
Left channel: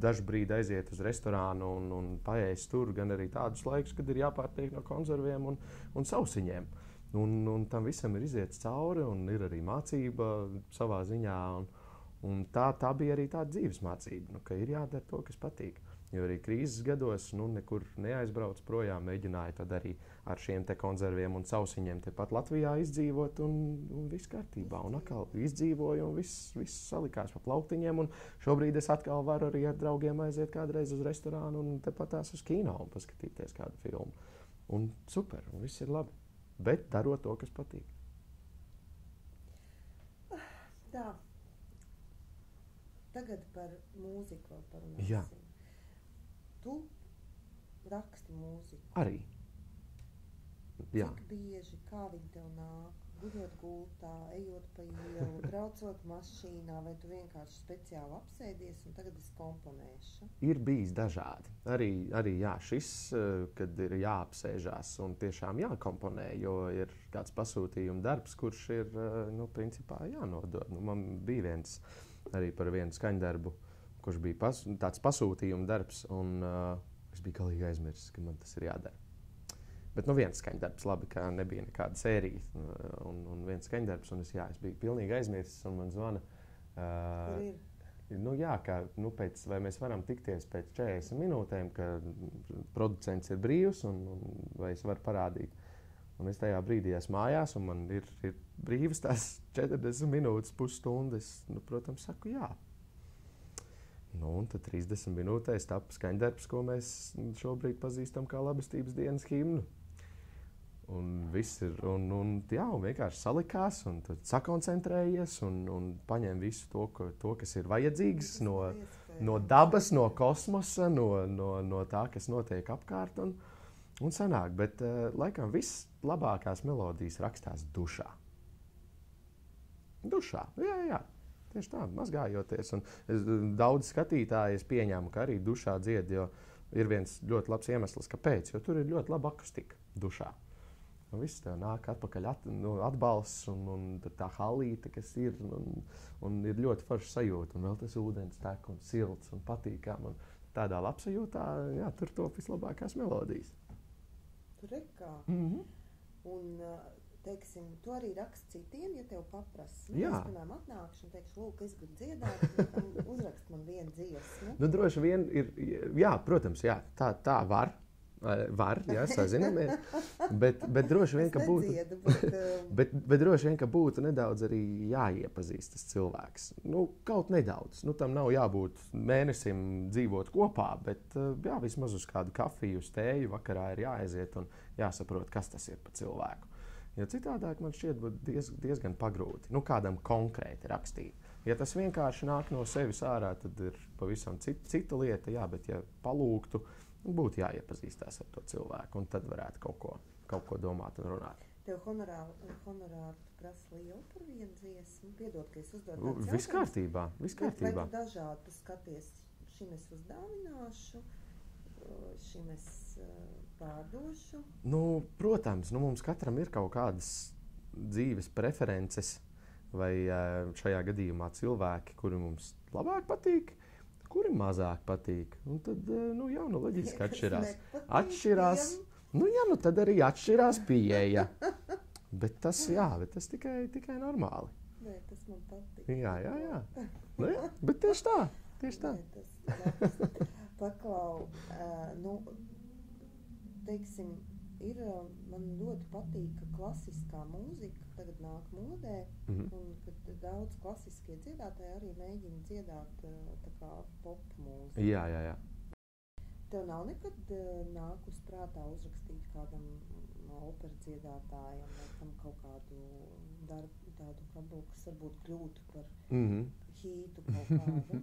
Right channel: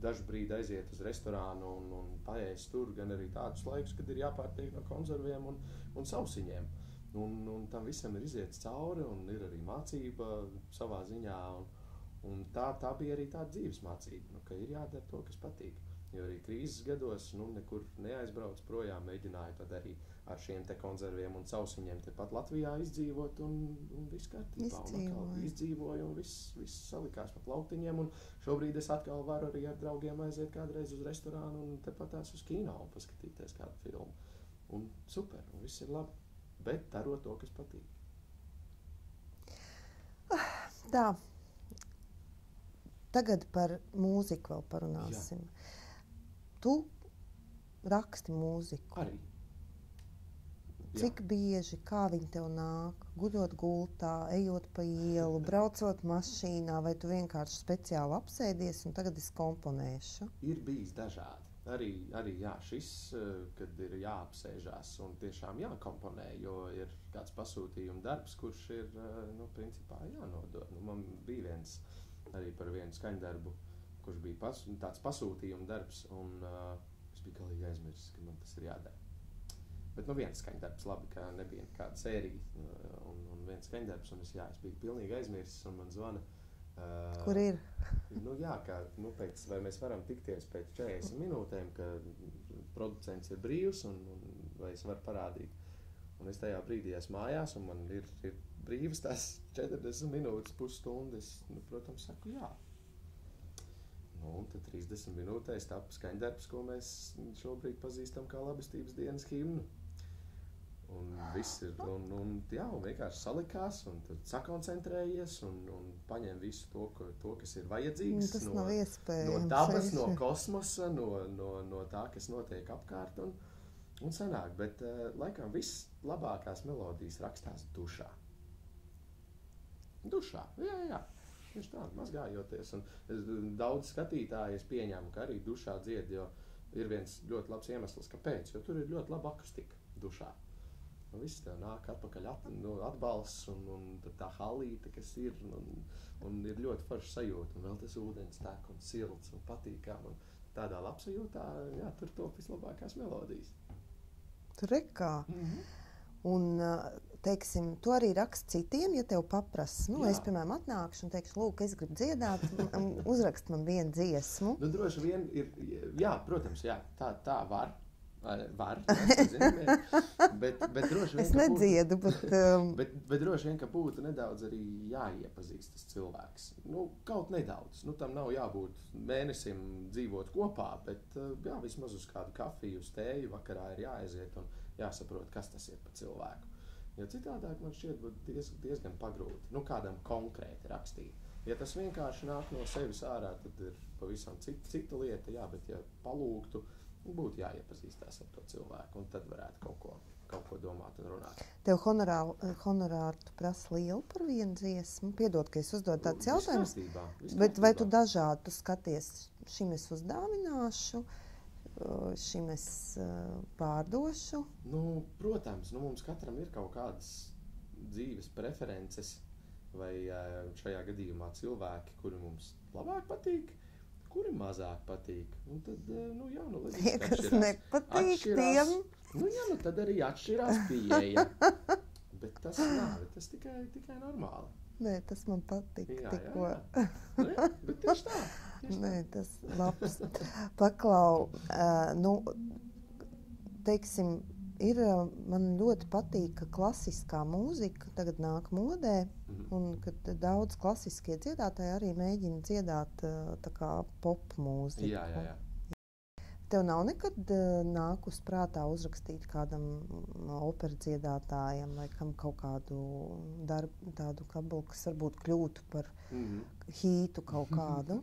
dažu brīdi aiziet uz restorānu un paēst tur, gan arī tādus laikus, kad ir jāpārtiek no konserviem un sausiņiem. Un tam visam ir iziets cauri, un ir arī mācība savā ziņā. Un tā bija arī tāda dzīves mācība, ka ir jādara to, kas patīk. Jo arī krīzes gados nekur neaizbrauc projām, mēģināja tad arī ar šiem te konserviem un sausiņiem tepat Latvijā izdzīvot, un viss kārtībā. Un atkal izdzīvoju, un viss salikās pa plauktiņiem, un šobrīd es atkal varu arī ar draugiem aiziet kādreiz uz restorānu un tepatās uz kino un paskatīties kādu filmu. Un super, un viss ir labi. Bet darot to, kas patīk. Tā. Tagad par mūziku vēl parunāsim. Jā. Tu raksti mūziku. Arī. Jā. Cik bieži, kā viņi tev nāk? Gudot gultā, ejot pa ielu, braucot mašīnā, vai tu vienkārši speciāli apsēdies un tagad es komponēšu? Ir bijis dažādi. arī jā, šis, kad ir jāapsēžās un tiešām jākomponē, jo ir kāds pasūtījuma darbs, kurš ir, principā jānodod. Man bija viens arī par vienu skaņdarbu, kurš bija tāds pasūtījuma darbs, un es biju galīgi aizmirsis, ka man tas ir jādara. Bet viens skaņdarbs, labi, ka nebija nekāda sērija, un viens skaņdarbs, un es biju pilnīgi aizmirsis, un man zvana. Kur ir? Vai mēs varam tikties pēc 40 minūtēm, ka producents ir brīvs, un vai es varu parādīt. Un es tajā brīdī esmu mājās, un man ir brīvas tās 40 minūtes, pusstundu. Es, protams, saku jā. Un tad 30 minūtēs tapa skaņdarbs, ko mēs šobrīd pazīstam kā labestības dienas himnu. Un viss ir, un vienkārši salikās, un tad sakoncentrējies, un paņem visu to, kas ir vajadzīgs no dabas, no kosmosa, no tā, kas notiek apkārt, un sanāk. Bet laikam viss labākās melodijas rakstās dušā. Dušā, jā. Tieši tā, mazgājoties. Un daudz skatītāji es pieņēmu, ka arī dušā dzied, jo ir viens ļoti labs iemesls, kāpēc, jo tur ir ļoti laba akustika dušā. Un viss tā nāk atpakaļ atbalsts un tā halīte, kas ir, un ir ļoti forša sajūta. Un vēl tas ūdens tek un silts un patīkam. Un tādā labsajūtā, jā, tur top vislabākās melodijas. Tur rekā. Un, teiksim, tu arī raksti citiem, ja tev paprasa. Es, piemēram, atnākšu un teikšu, lūk, es gribu dziedāt, uzrakst man vienu dziesmu. Droši vien ir, jā, protams, jā, tā var. Var, jā, sazinām, bet droši vien, es nedziedu, bet droši vien, ka būtu nedaudz arī jāiepazīst tas cilvēks. Kaut nedaudz. Tam nav jābūt mēnesim dzīvot kopā, bet jā, vismaz uz kādu kafiju, uz tēju vakarā ir jāaiziet un jāsaprot, kas tas ir pa cilvēku. Jo citādāk man šķiet diezgan pagrūti, kādam konkrēti rakstīt. Ja tas vienkārši nāk no sevis ārā, tad ir pavisam cita lieta, jā, bet ja palūgtu, būtu jāiepazīstās ar to cilvēku, un tad varētu kaut ko domāt un runāt. Tev honorāru tu prasa lielu par vienu dziesmu? Piedod, ka es uzdodu tādus jautājumus. Bet vai tu dažādi tu skaties, šim es uzdāvināšu, šim es pārdošu? Protams, mums katram ir kaut kādas dzīves preferences, vai šajā gadījumā cilvēki, kuri mums labāk patīk, kuri mazāk patīk. Un tad, loģiski atšķirās. Tad arī atšķirās pieeja. Bet tas tikai normāli. Nē, tas man patīk. Jā. Bet tieši tā. Nē, tas labs. Paklau, teiksim, man ļoti patīk, ka klasiskā mūzika tagad nāk modē, un kad daudz klasiskie dziedātāji arī mēģina dziedāt tā kā pop mūziku. Jā. Tev nav nekad nākus prātā uzrakstīt kādam operu dziedātājam vai kam kaut kādu darbu, tādu kabulu, kas varbūt kļūtu par hītu kaut kādu?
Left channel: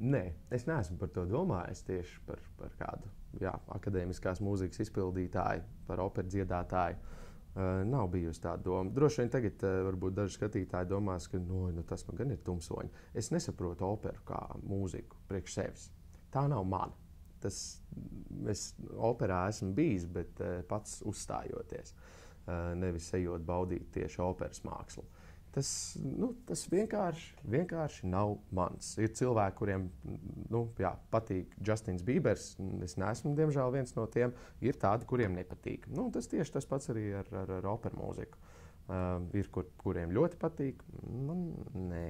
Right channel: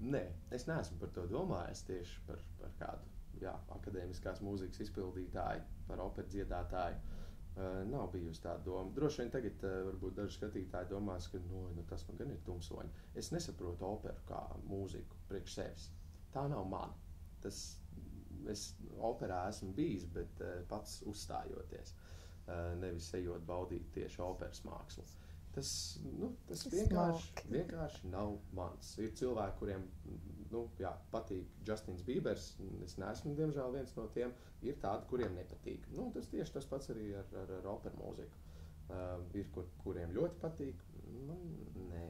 Nē, es neesmu par to domājis tieši par kādu. Jā, akadēmiskās mūzikas izpildītāji, par operu dziedātāju. Nav bijusi tāda doma. Droši vien tagad varbūt daži skatītāji domās, ka tas man gan ir tumsoņi. Es nesaprotu operu kā mūziku priekš sevis. Tā nav mana. Es operā esmu bijis, bet pats uzstājoties. Nevis ejot baudīt tieši operas mākslu. Tas vienkārši nav mans. Ir cilvēki, kuriem patīk Justins Biebers. Es neesmu, diemžēl, viens no tiem. Ir tādi, kuriem nepatīk. Tas tieši tas pats arī ar operu mūziku. Ir, kuriem ļoti patīk. Man nē.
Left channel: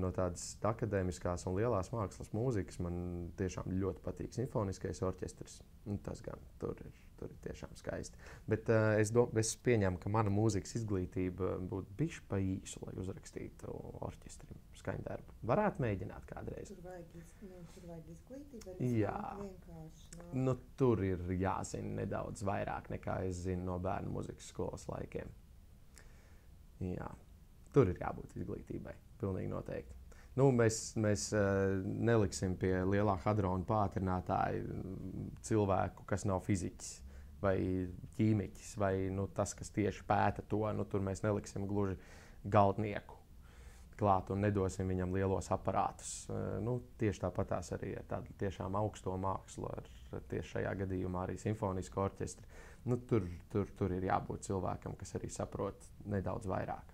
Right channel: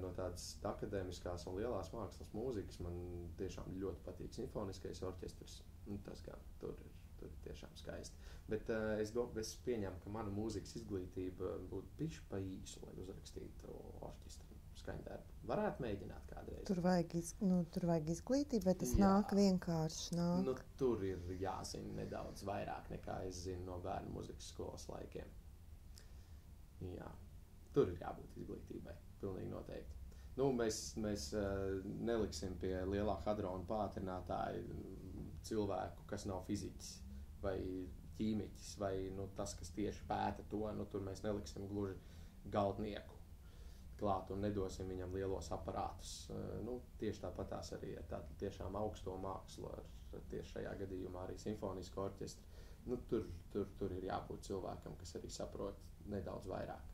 No tādas akadēmiskās un lielās mākslas mūzikas man tiešām ļoti patīk simfoniskais orķestris. Tas gan tur ir tiešām skaisti. Bet es pieņemu, ka mana mūzikas izglītība būtu bišķi pa īsu, lai uzrakstītu orķestrim skaņdarbu. Varētu mēģināt kādreiz. Tur vajag izglītību, bet tas nāk vienkārši. Tur ir jāzina nedaudz vairāk, nekā es zinu no bērnu mūzikas skolas laikiem. Jā. Tur ir jābūt izglītībai. Pilnīgi noteikti. Mēs neliksim pie lielā hadrona pātrinātāja cilvēku, kas nav fiziķis vai ķīmiķis, vai tas, kas tieši pēta to. Tur mēs neliksim gluži galdnieku. klāt un nedosim viņam lielos aparātus. Tieši tāpatās arī ar tādu tiešām augsto mākslu, ar tieši šajā gadījumā arī simfonisku orķestri. Tur ir jābūt cilvēkam, kas arī saprot nedaudz vairāk.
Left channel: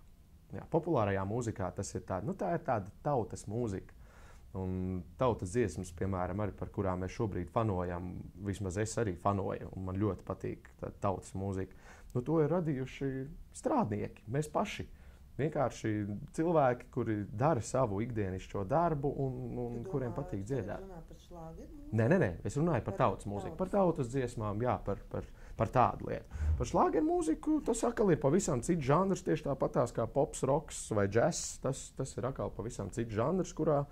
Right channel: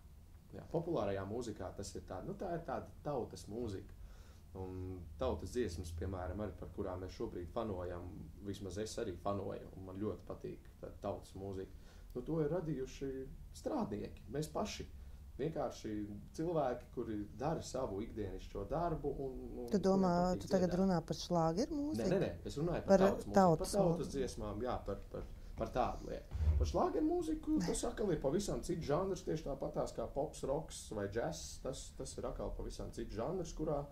Jā, populārajā mūzikā tas ir tā ir tāda tautas mūzika. Un tautas dziesmas, piemēram, arī par kurām mēs šobrīd fanojam, vismaz es arī fanoju, un man ļoti patīk tautas mūzika. To ir radījuši strādnieki, mēs paši. Vienkārši cilvēki, kuri dara savu ikdienišķo darbu. Tu domā, tu tagad runā par šlāgeru mūziku? Nē, es runāju par tautas mūziku, par tautas dziesmām, jā, par tādu lietu. Par šlāgeru mūziku tas atkal ir pavisam cits žanrs, tieši tāpatās kā pops, roks vai džess. Tas ir atkal pavisam cits žanrs, kurā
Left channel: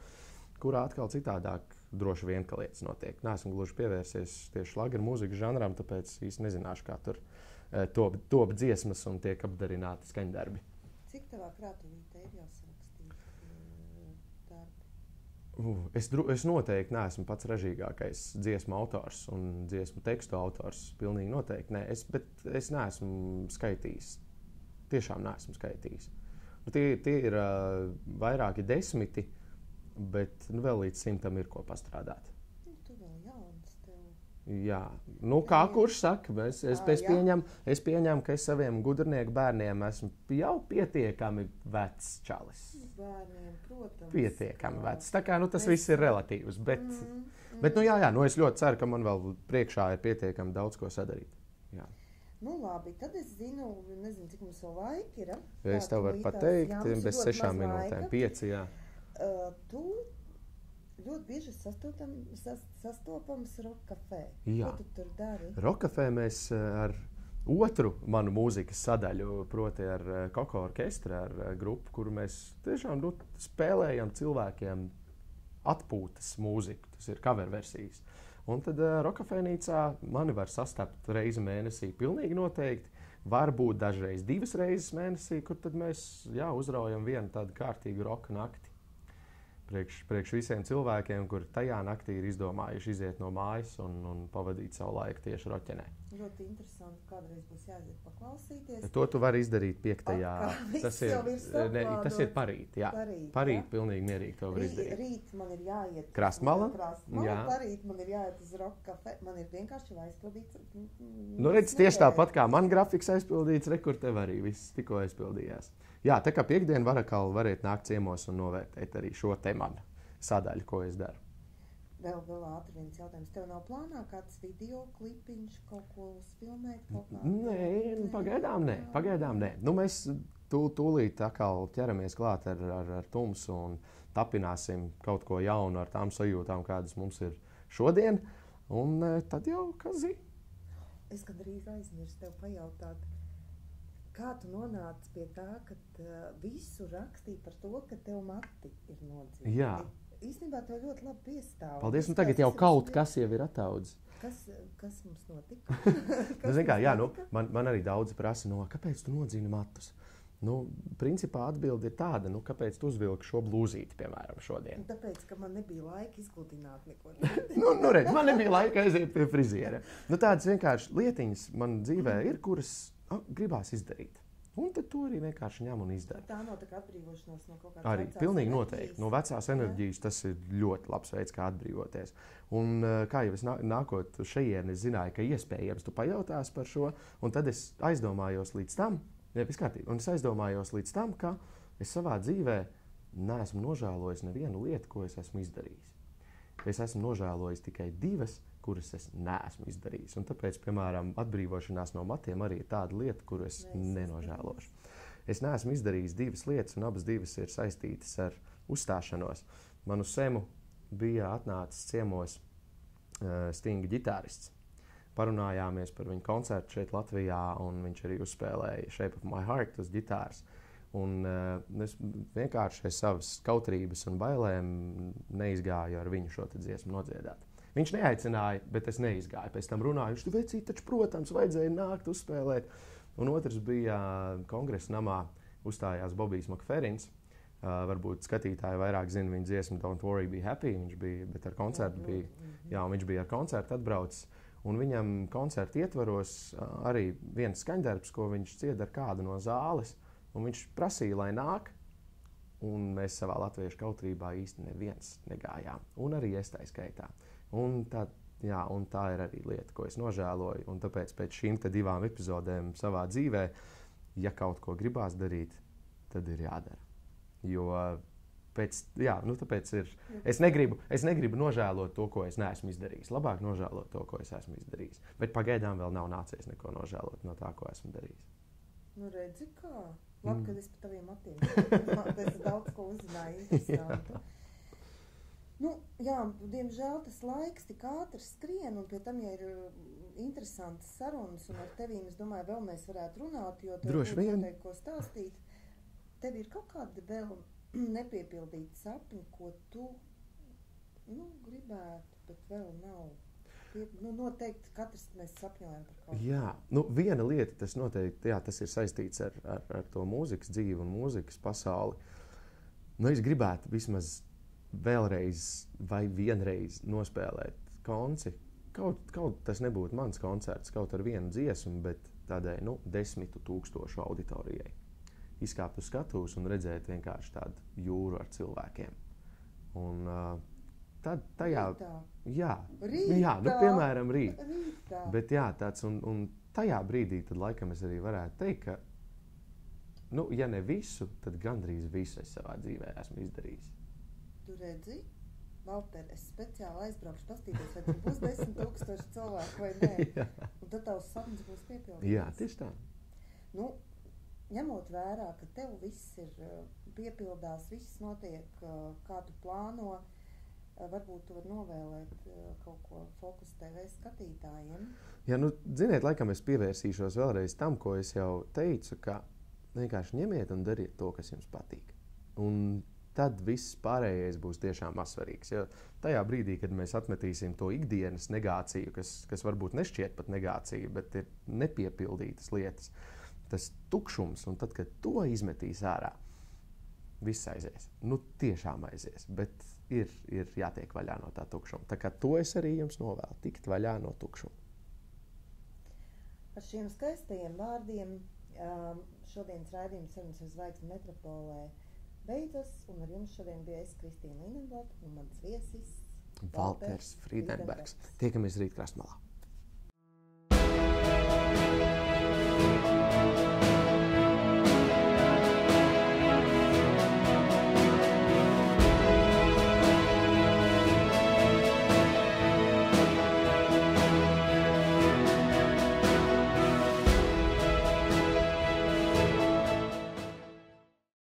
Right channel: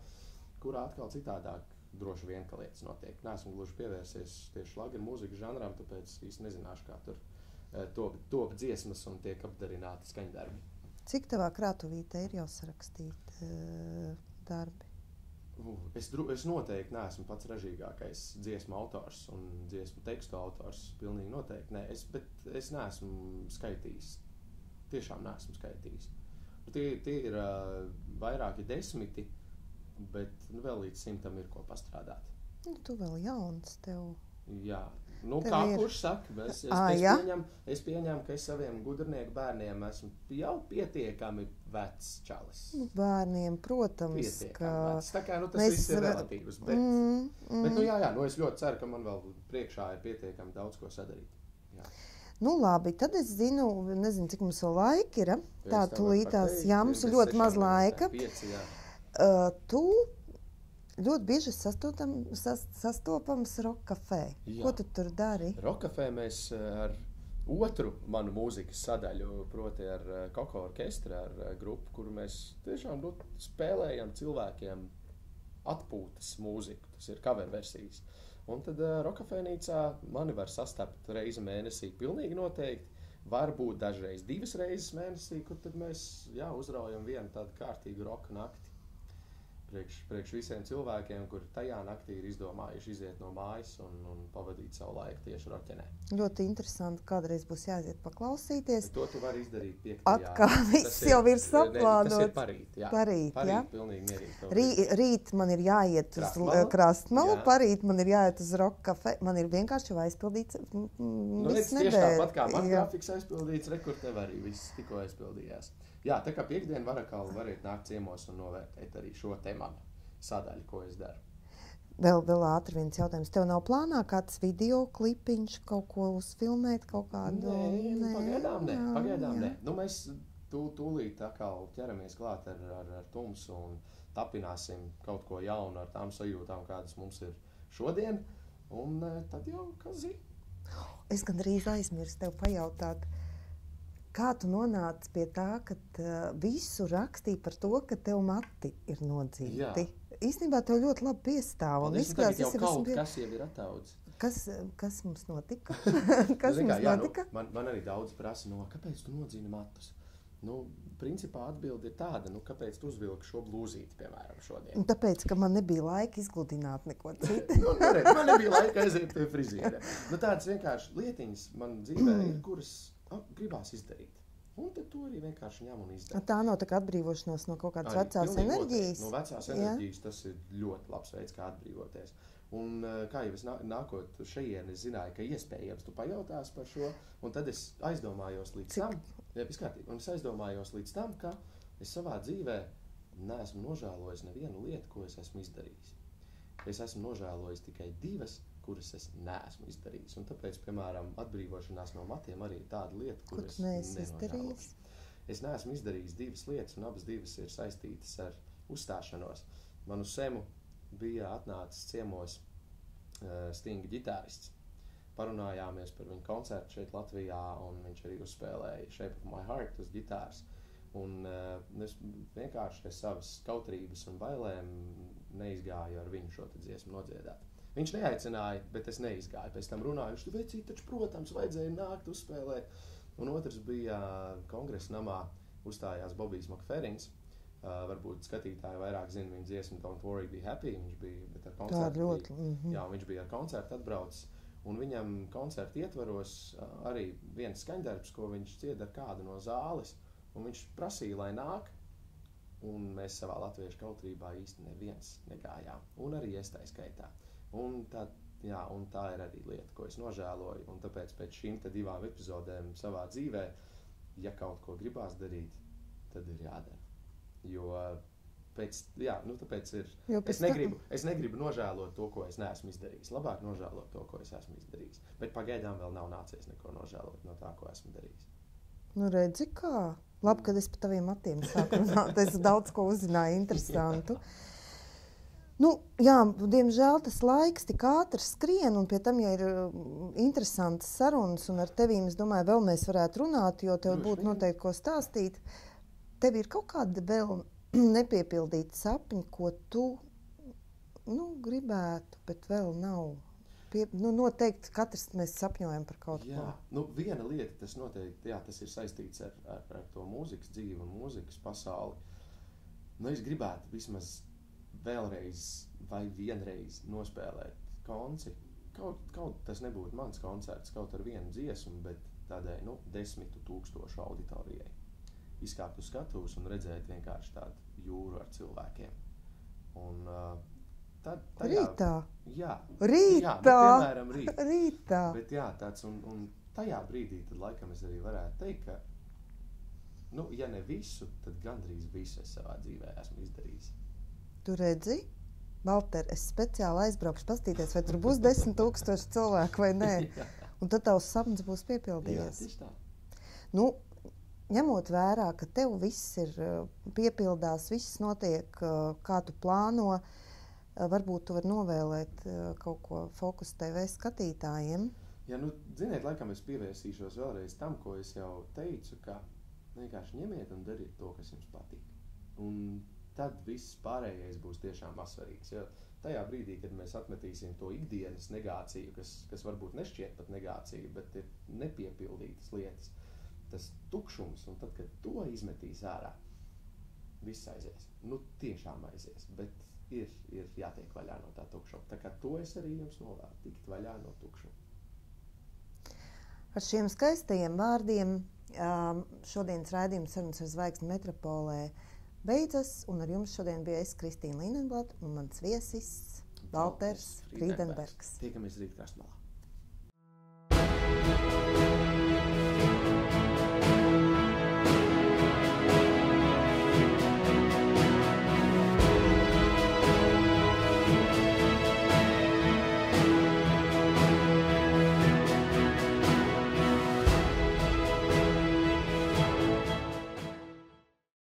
atkal citādāk droši vien ka lietas notiek. Neesmu gluži pievērsies tieši šlāgeru mūzikas žanram, tāpēc īsti nezināšu, kā tur top dziesmas un tiek apdarināti skaņdarbi. Cik tavā krātuvītē ir jau sarakstīti darbi? Es noteikti neesmu pats ražīgākais dziesmu autors un dziesmu tekstu autors. Pilnīgi noteikti nē. Bet es neesmu skaitījis. Tiešām neesmu skaitījis. Tie ir vairāki desmiti, bet vēl līdz 100 ir ko pastrādāt. Tu vēl jauns tev. Jā, kā kurš saka, es pieņemu, ka es saviem gudrnieku bērniem esmu jau pietiekami vecs čalis. Bērniem, protams. Pietiekami vecs. Tā kā tas viss ir relatīvs. Bet es ļoti ceru, ka man vēl priekšā ir pietiekami daudz ko sadarīt. Jā. Labi, tad es nezinu, cik mums vēl laika ir. Tā tūlītās, mums ir ļoti maz laika. 5, jā. Tu ļoti bieži sastopams Rock Café. Jā. Ko tu tur dari? Rock Café mēs ar otru manu mūzikas sadaļu, proti ar Koko orķestri, ar grupu, kuru mēs tiešām spēlējam cilvēkiem atpūtas mūziku. Tas ir cover versijas. Un tad Rock Cafénīcā mani var sastapt reizi mēnesī pilnīgi noteikti. Varbūt dažreiz 2 reizes mēnesī, kur tad mēs uzraujam vienu tādu kārtīgu roka nakti. Priekš visiem cilvēkiem, kuri tajā naktī ir izdomājuši iziet no mājas un pavadīt savu laiku tieši roķenē. Ļoti interesanti. Kādreiz būs jāiziet paklausīties. To tu vari izdarīt 5. Atkal viss jau ir saplānots. Tas ir parīt, jā. Parīt, pilnīgi mierīgi. Rīt man ir jāiet uz Krastmalu, parīt man ir jāiet uz Rock Café. Man ir vienkārši jau aizpildīts tieši tāpat kā man grafiks aizpildīts, kur tev arī viss tikko aizpildījās. Jā, tā kā piekdien variet nākt ciemos un novērtēt arī šo tematu sadaļu, ko es daru. Vēl ātri viens jautājums. Tev nav plānā kāds video klipiņš, kaut ko uzfilmēt, kaut kādu? Nē, pagaidām nē. Mēs tūlīt atkal ķeramies klāt ar Tumsu un tapināsim kaut ko jaunu ar tām sajūtām, kādas mums ir šodien. Un tad jau, kas zina? Es gandrīz aizmirsu tev pajautāt. Kā tu nonāci pie tā, ka visu rakstīja par to, ka tev mati ir nodzīti? Jā. Īstenībā tev ļoti labi piestāv. Paldies, tagad jau kaut kas jau ir attaudzis. Kas mums notika? Notika? Man arī daudz prasa, kāpēc tu nodzīni matus? Principā atbilde ir tāda, kāpēc tu uzvilki šo blūzīti, piemēram, šodien? Tāpēc, ka man nebija laika izgludināt neko citu. Man nebija laika aiziet pie friziera. Tādas vienkārši lietiņas man dzīvē ir, kuras gribās izdarīt. Un tad to arī vienkārši ņem un izdara. Tā nav tā kā atbrīvošanās no kaut kādas vecās enerģijas? Noteikti. No vecās enerģijas tas ir ļoti labs veids, kā atbrīvoties. Un kā jau es nākot šejieni, es zināju, ka iespējams tu pajautās par šo, un tad es aizdomājos līdz tam, ka es savā dzīvē neesmu nožēlojis nevienu lietu, ko es esmu izdarījis. Es esmu nožēlojis tikai 2, kuras es neesmu izdarījis. Un tāpēc, piemēram, atbrīvošanās no matiem arī ir tāda lieta, kuru es nenožēlošu. Es neesmu izdarījis 2 lietas, un abas 2 ir saistītas ar uzstāšanos. Man uz Semu bija atnācis ciemos Stinga ģitārists. Parunājāmies par viņu koncertu šeit Latvijā, un viņš arī uzspēlēja Shape of My Heart uz ģitāras. Un es vienkārši savas kautrības un bailēm neizgāju ar viņu šo dziesmu nodziedāt. Viņš neaicināja, bet es neizgāju. Pēc tam runāju, viņš vecīt, taču, protams, vajadzēja nākt uzspēlēt. Un otrs bija kongresa namā uzstājās Bobijs Makferins. Varbūt skatītāji vairāk zina viņa dziesmu Don't Worry, Be Happy. Viņš bija ar koncertu atbraucis. Un viņam koncertu ietvaros arī viens skaņdarbs, ko viņš dzied ar kādu no zāles. Un viņš prasīja, lai nāk. Un mēs savā latviešu kautrībā īsti neviens negājām. Un arī es tā skaitā. Un tā ir arī lieta, ko es nožēloju. Un tāpēc pēc šīm 2 epizodēm savā dzīvē, ja kaut ko gribās darīt, tad ir jādara. Jo tāpēc ir. Es negribu nožēlot to, ko es neesmu izdarījis. Labāk nožēlot to, ko es esmu izdarījis. Bet pagaidām vēl nav nācies neko nožēlot no tā, ko esmu darījis. Nu, redzi, kā? Labi, kad es par taviem matiem sāku runāt. Es daudz ko uzzināju interesantu. Nu, jā, diemžēl tas laiks tik ātri skrien, un pie tam, ja ir interesantas sarunas, un ar tevīm, es domāju, vēl mēs varētu runāt, jo tev būtu noteikti ko stāstīt. Tev ir kaut kāda vēl nepiepildīta sapņa, ko tu gribētu, bet vēl nav. Noteikti katrs mēs sapņojam par kaut ko. Jā, viena lieta, tas noteikti, tas ir saistīts ar to mūzikas dzīvi un mūzikas pasauli. Es gribētu vismaz vēlreiz vai vienreiz nospēlēt konci. Kaut tas nebūtu mans koncerts, kaut ar vienu dziesmu, bet tādai 10 000 auditorijai. Izkāpt uz skatuves un redzēt vienkārši tādu jūru ar cilvēkiem. Un rītā? Jā, rītā? Piemēram, rītā. Bet tāds, un tajā brīdī tad laikam es arī varētu teikt, ka, ja ne visu, tad gandrīz visu es savā dzīvē esmu izdarījis. Tu redzi? Valter, es speciāli aizbraukšu pastīties, vai tur būs 10 000 cilvēku vai nē. Un tad tavs sapnis būs piepildījies. Jā, tieši tā. Ņemot vērā, ka tev viss ir piepildās, viss notiek, kā tu plāno, varbūt tu vari novēlēt kaut ko Focus TV skatītājiem. Jā, ziniet, laikam es pievērsīšos vēlreiz tam, ko es jau teicu, ka vienkārši ņemiet un dariet to, kas jums patīk. Un tad viss pārējais būs tiešām mazsvarīgs. Ja tajā brīdī, kad mēs atmetīsim to ikdienas negāciju, kas varbūt nešķiet pat negācija, bet ir nepiepildītas lietas, tas tukšums, un tad, kad to izmetīs ārā, viss aizies. Tiešām aizies, bet ir jātiek vaļā no tā tukšuma. Tā kā to es arī jums novēlu, tikt vaļā no tukšuma. Ar šiem skaistajiem vārdiem šodienas raidījums Sarunas ar zvaigzni Metropolē beidzas, un ar jums šodien bija es, Kristīna Linenblad, un mans viesis Valters Friedenbergs. Tiekamies rīt Krastmalā.